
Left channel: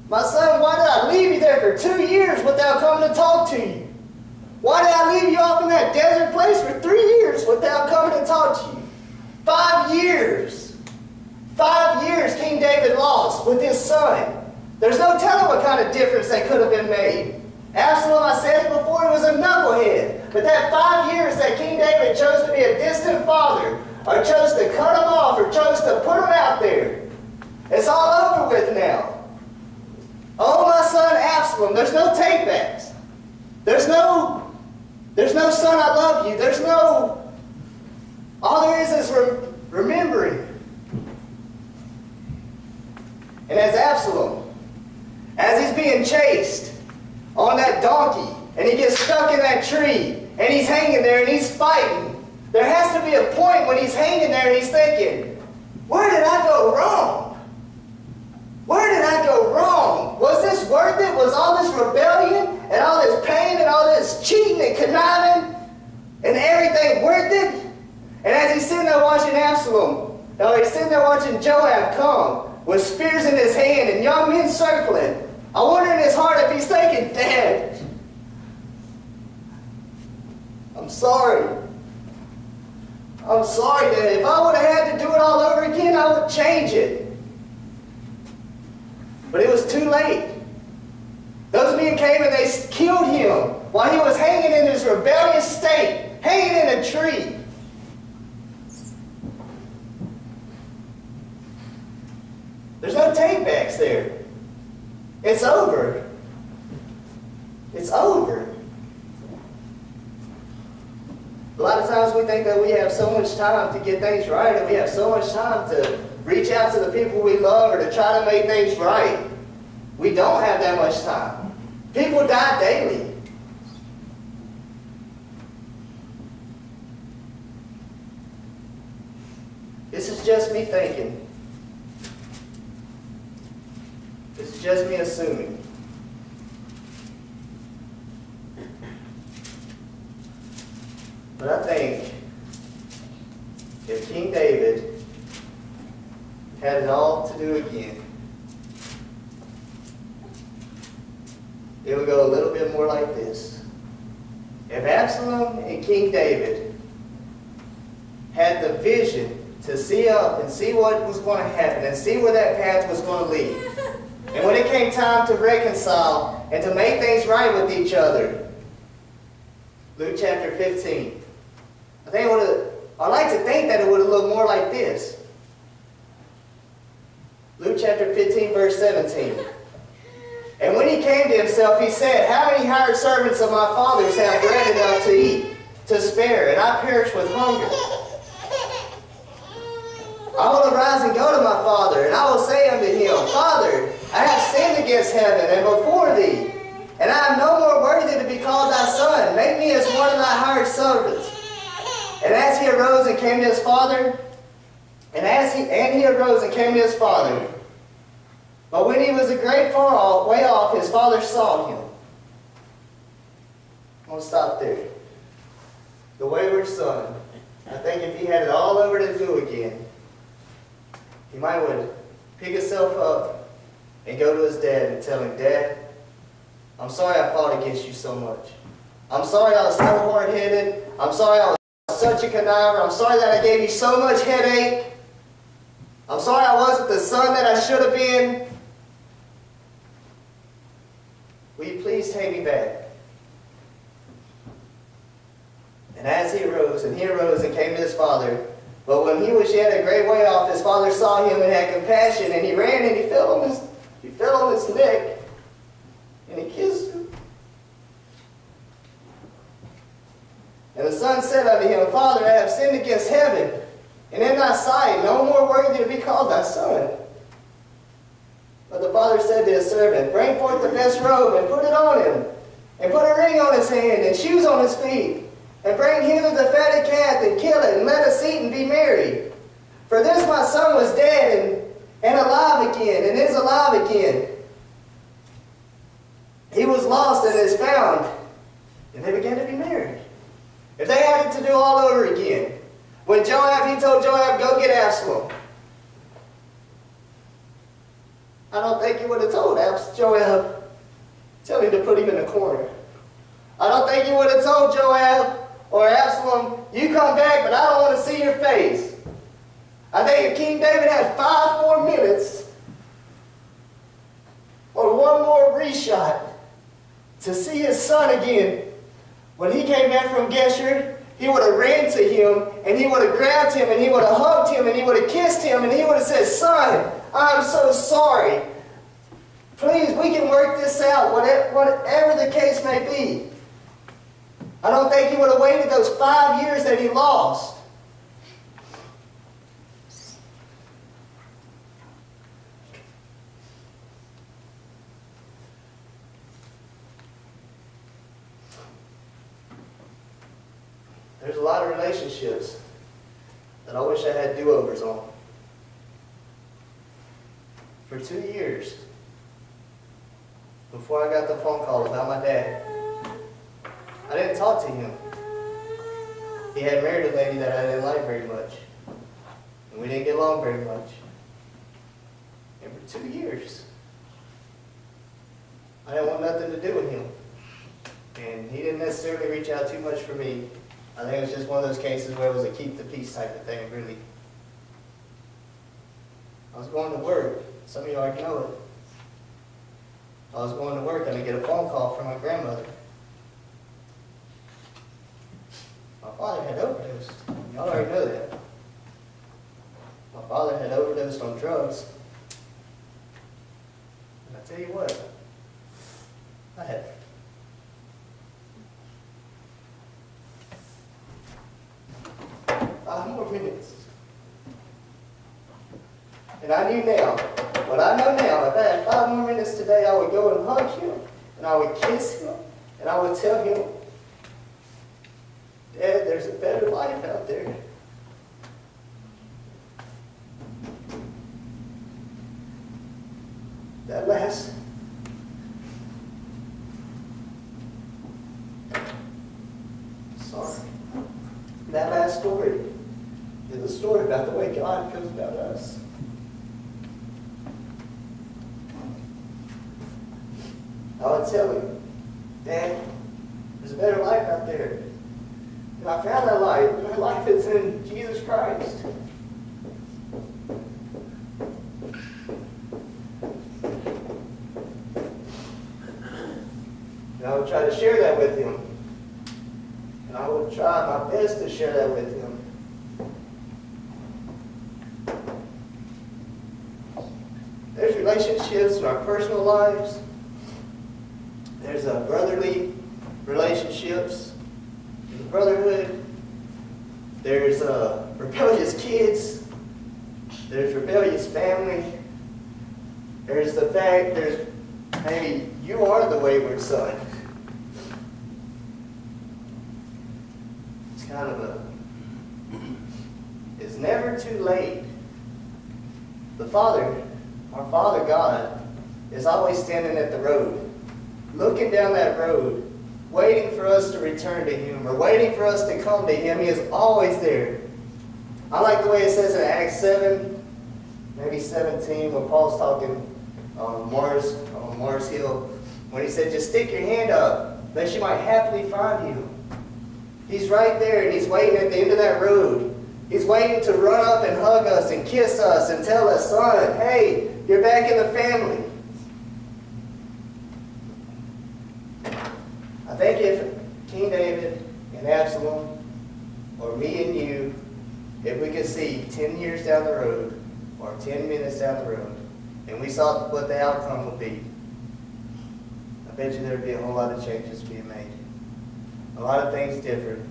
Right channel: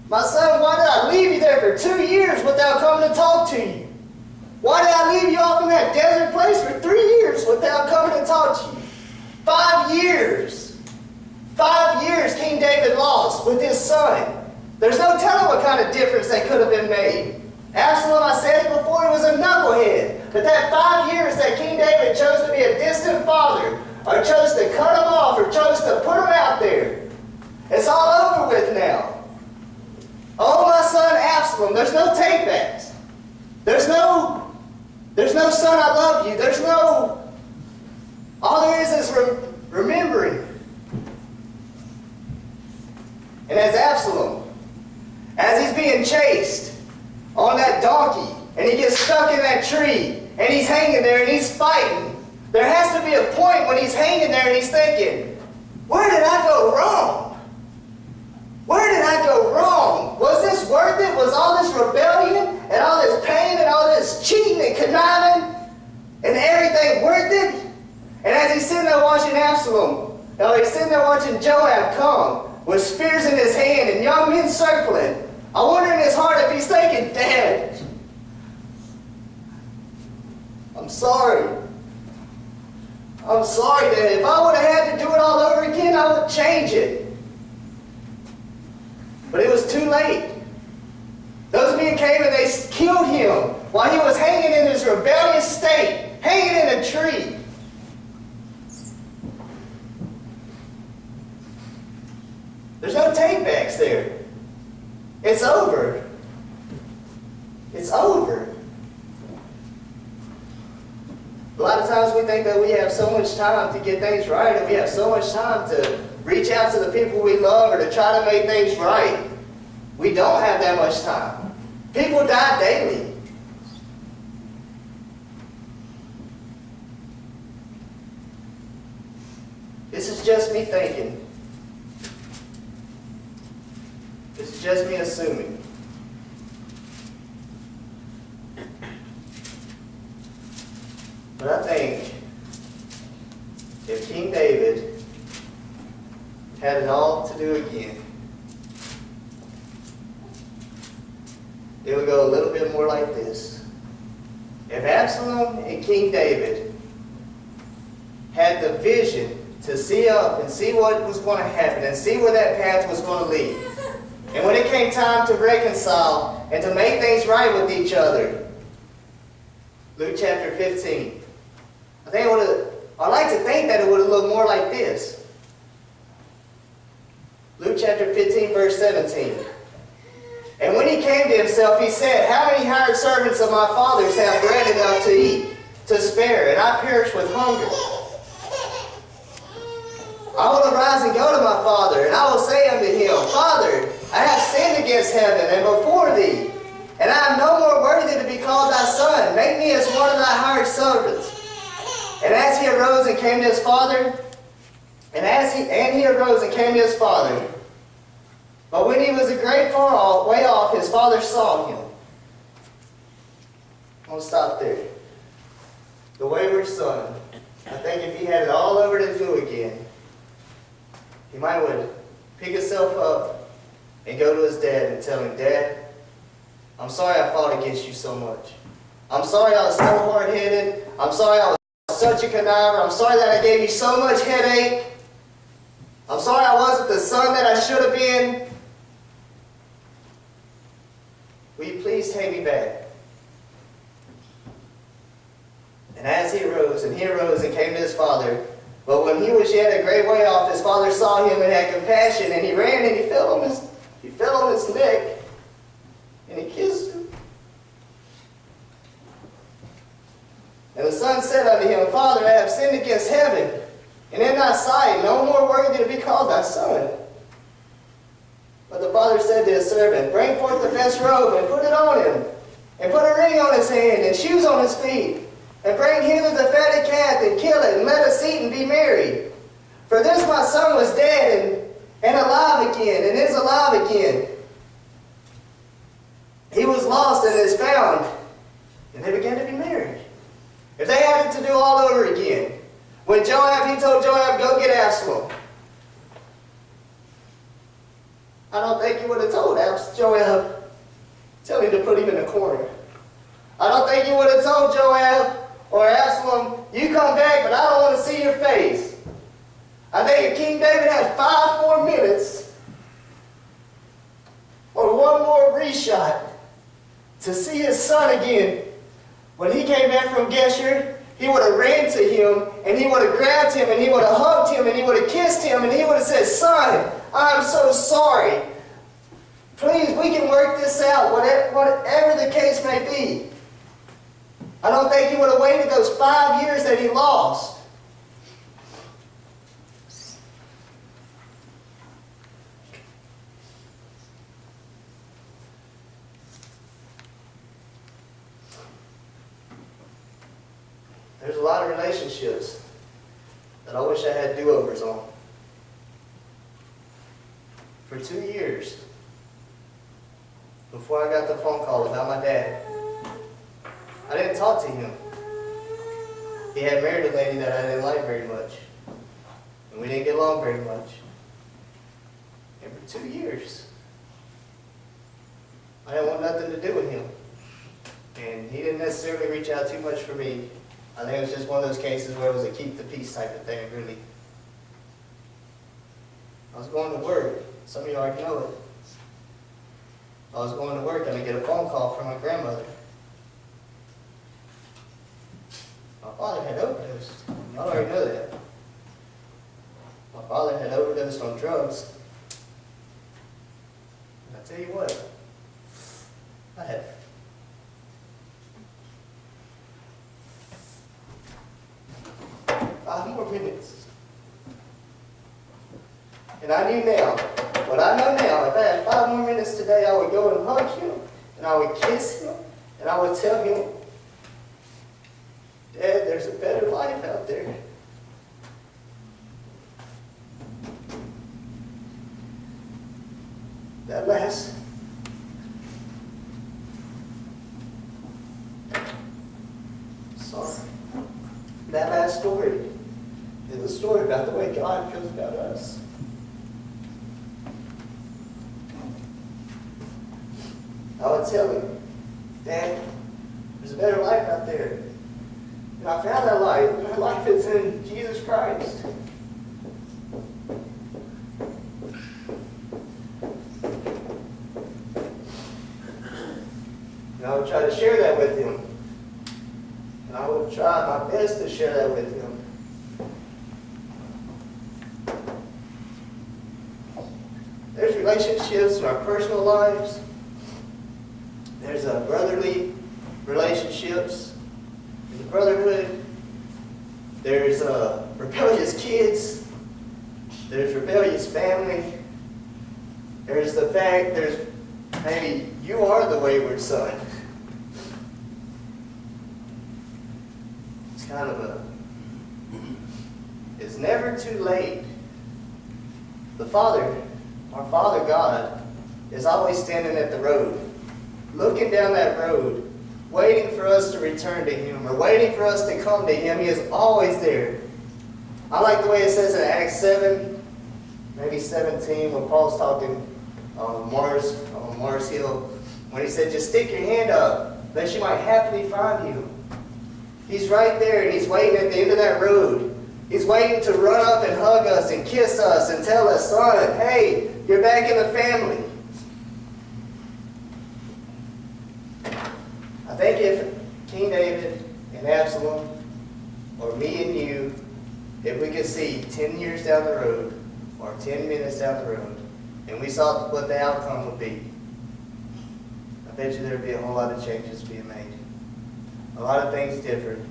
my son, why did I leave you there for 2 years without coming to talk to you? Why did I leave you off in that desert place for 3 years without coming to talk to you? 5 years. 5 years King David lost with his son. There's no telling what kind of difference that could have been made. Absalom, I said it before, he was a knucklehead. But that 5 years that King David chose to be a distant father, or chose to cut him off, or chose to put him out there, it's all over with now. Oh, my son Absalom, there's no takebacks. There's no son, I love you. There's no, all there is remembering. And as Absalom, as he's being chased on that donkey, and he gets stuck in that tree, and he's hanging there and he's fighting, there has to be a point when he's hanging there and he's thinking, where did I go wrong? Where did I go wrong? Was this worth it? Was all this rebellion and all this pain and all this cheating and conniving and everything worth it? And as he's sitting there watching Absalom, he's sitting there watching Joab come with spears in his hand and young men circling, I wonder in his heart if he's thinking, Dad, I'm sorry. I'm sorry, Dad. If I would have had to do it all over again, I would change it. But it was too late. Those men came and they killed him while he was hanging in his rebellious state, hanging in a tree. There's no takebacks there. It's over. It's over. A lot of times we think that we have so much time to get things right, and we have so much time to reach out to the people we love or to try to make things right. We don't have that much time. People die daily. This is just me thinking. This is just me assuming. But I think if King David had it all to do again, it would go a little bit more like this. If Absalom and King David had the vision to see up and see what was going to happen and see where that path was going to lead, and when it came time to reconcile and to make things right with each other, Luke chapter 15, I like to think that it would have looked more like this. Luke chapter 15, verse 17. And when he came to himself, he said, how many hired servants of my father's have bread enough to eat, to spare, and I perish with hunger? I will arise and go to my father, and I will say unto him, Father, I have sinned against heaven and before thee, and I am no more worthy to be called thy son. Make me as one of thy hired servants. And as he arose and came to his father, he arose and came to his father. But when he was a great way off, his father saw him. I'm going to stop there. The wayward son. I think if he had it all over to do again, he might would pick himself up and go to his dad and tell him, Dad, I'm sorry I fought against you so much. I'm sorry I was so hard-headed. I'm sorry I was such a conniver. I'm sorry that I gave you so much headache. I'm sorry I wasn't the son that I should have been. Will you please take me back? And as he arose and came to his father, but when he was yet a great way off, his father saw him and had compassion, and he ran and he fell on his neck, and he kissed him. And the son said unto him, Father, I have sinned against heaven, and in thy sight, no more worthy to be called thy son. But the father said to his servant, Bring forth the best robe, and put it on him, and put a ring on his hand, and shoes on his feet, and bring hither the fatted calf, and kill it, and let us eat and be merry. For this my son was dead, and alive again, and is alive again. He was lost and is found. And they began to be married. If they had it to do all over again, when he told Joab, go get Absalom. I don't think he would have told Joab, tell him to put him in a corner. I don't think he would have told Joab or Absalom, you come back, but I don't want to see your face. I think if King David had 5 more minutes or one more reshot to see his son again, when he came back from Geshur, he would have ran to him, and he would have grabbed him, and he would have hugged him, and he would have kissed him, and he would have said, Son, I'm so sorry. Please, we can work this out, whatever the case may be. I don't think he would have waited those 5 years that he lost. There's a lot of relationships that I wish I had do-overs on. For 2 years, before I got the phone call about my dad, I didn't talk to him. He had married a lady that I didn't like very much. And we didn't get along very much. And for 2 years, I didn't want nothing to do with him. And he didn't necessarily reach out too much for me. I think it was just one of those cases where it was a keep the peace type of thing, really. I was going to work. Some of you already know it. I was going to work and I get a phone call from my grandmother. My father had overdosed. Y'all already know that. My father had overdosed on drugs. And I tell you what, I had 5 more minutes. And I knew now, what I know now, if I had 5 more minutes today, I would go and hug him, and I would kiss him, and I would tell him, Dad, there's a better life out there. That last story is a story about the way God feels about us. I would tell him, Dad, there's a better life out there. And I found that life. That life is in Jesus Christ. And I would try to share that with him. And I would try my best to share that with him. There's relationships in our personal lives There's brotherly relationships in the brotherhood. There's rebellious kids. There's rebellious family. There's the fact there's maybe you are the wayward son. It's kind of it's never too late. The Father, our Father God, is always standing at the road, looking down that road, waiting for us to return to Him or waiting for us to come to Him. He is always there. I like the way it says in Acts 7, maybe 17, when Paul's talking on Mars Hill, when he said, just stick your hand up that you might happily find Him. He's right there and He's waiting at the end of that road. He's waiting to run up and hug us and kiss us and tell us, son, hey, you're back in the family. I think if King David and Absalom, or me and you, if we could see 10 years down the road, or 10 minutes down the road, and we saw what the outcome would be, I bet you there would be a whole lot of changes being made. A lot of things different.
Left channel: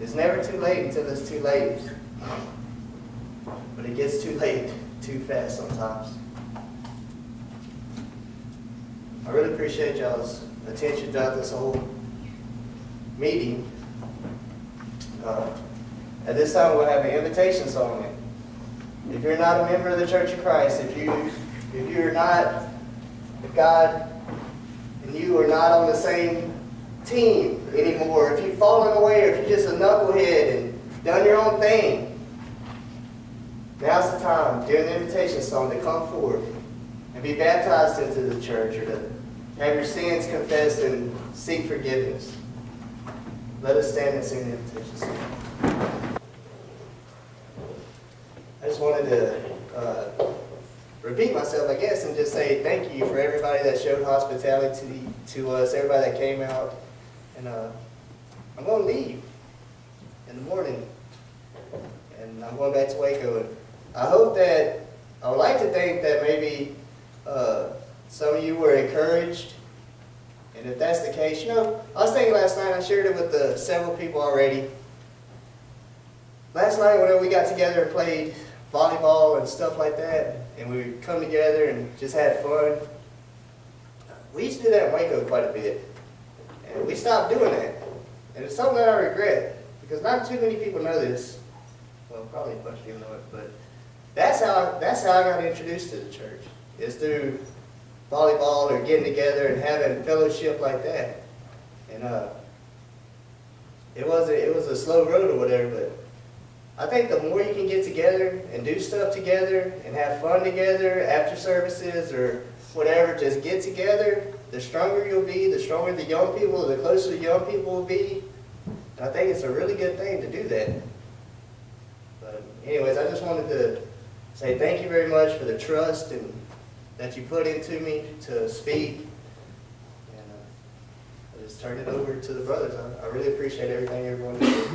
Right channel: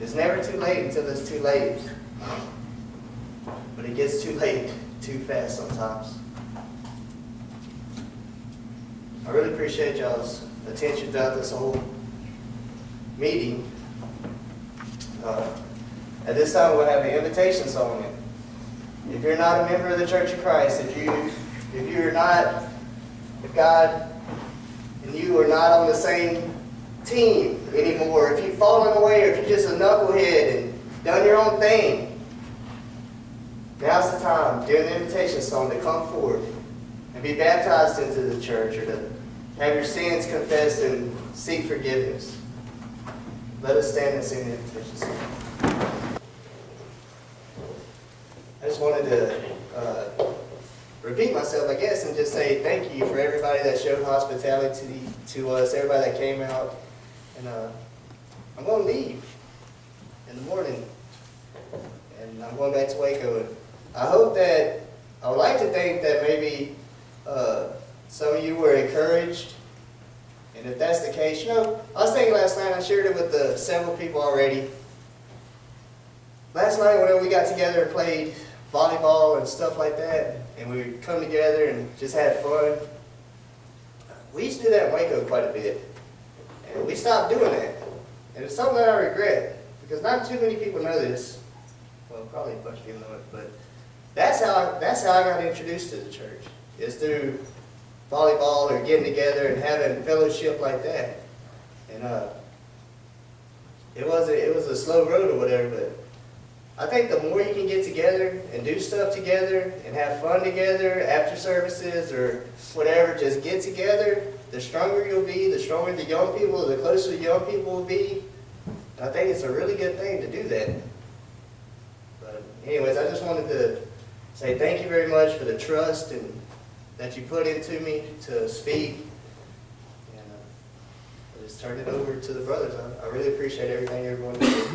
It's never too late until it's too late. But it gets too late too fast sometimes. I really appreciate y'all's attention throughout this whole meeting. At this time, we'll have an invitation song. If you're not a member of the Church of Christ, if God and you are not on the same team anymore, if you've fallen away, or if you're just a knucklehead and done your own thing, now's the time during the invitation song to come forward and be baptized into the church, or to have your sins confessed and seek forgiveness. Let us stand and sing the invitation song. I just wanted to repeat myself, I guess, and just say thank you for everybody that showed hospitality to us, everybody that came out. And I'm going to leave in the morning, and I'm going back to Waco. And I would like to think that maybe some of you were encouraged. And if that's the case, I was thinking last night, I shared it with several people already. Last night, whenever we got together and played volleyball and stuff like that, and we would come together and just had fun, we used to do that in Waco quite a bit. And we stopped doing that. And it's something that I regret, because not too many people know this. Well, probably a bunch of people know it, but that's how I got introduced to the church, is through volleyball or getting together and having fellowship like that. And it was a slow road or whatever, but I think the more you can get together and do stuff together and have fun together after services or whatever, just get together, the stronger you'll be, the stronger the young people, the closer the young people will be. And I think it's a really good thing to do that. But anyways, I just wanted to say thank you very much for the trust and that you put into me to speak. And I'll just turn it over to the brothers. I really appreciate everything everyone did.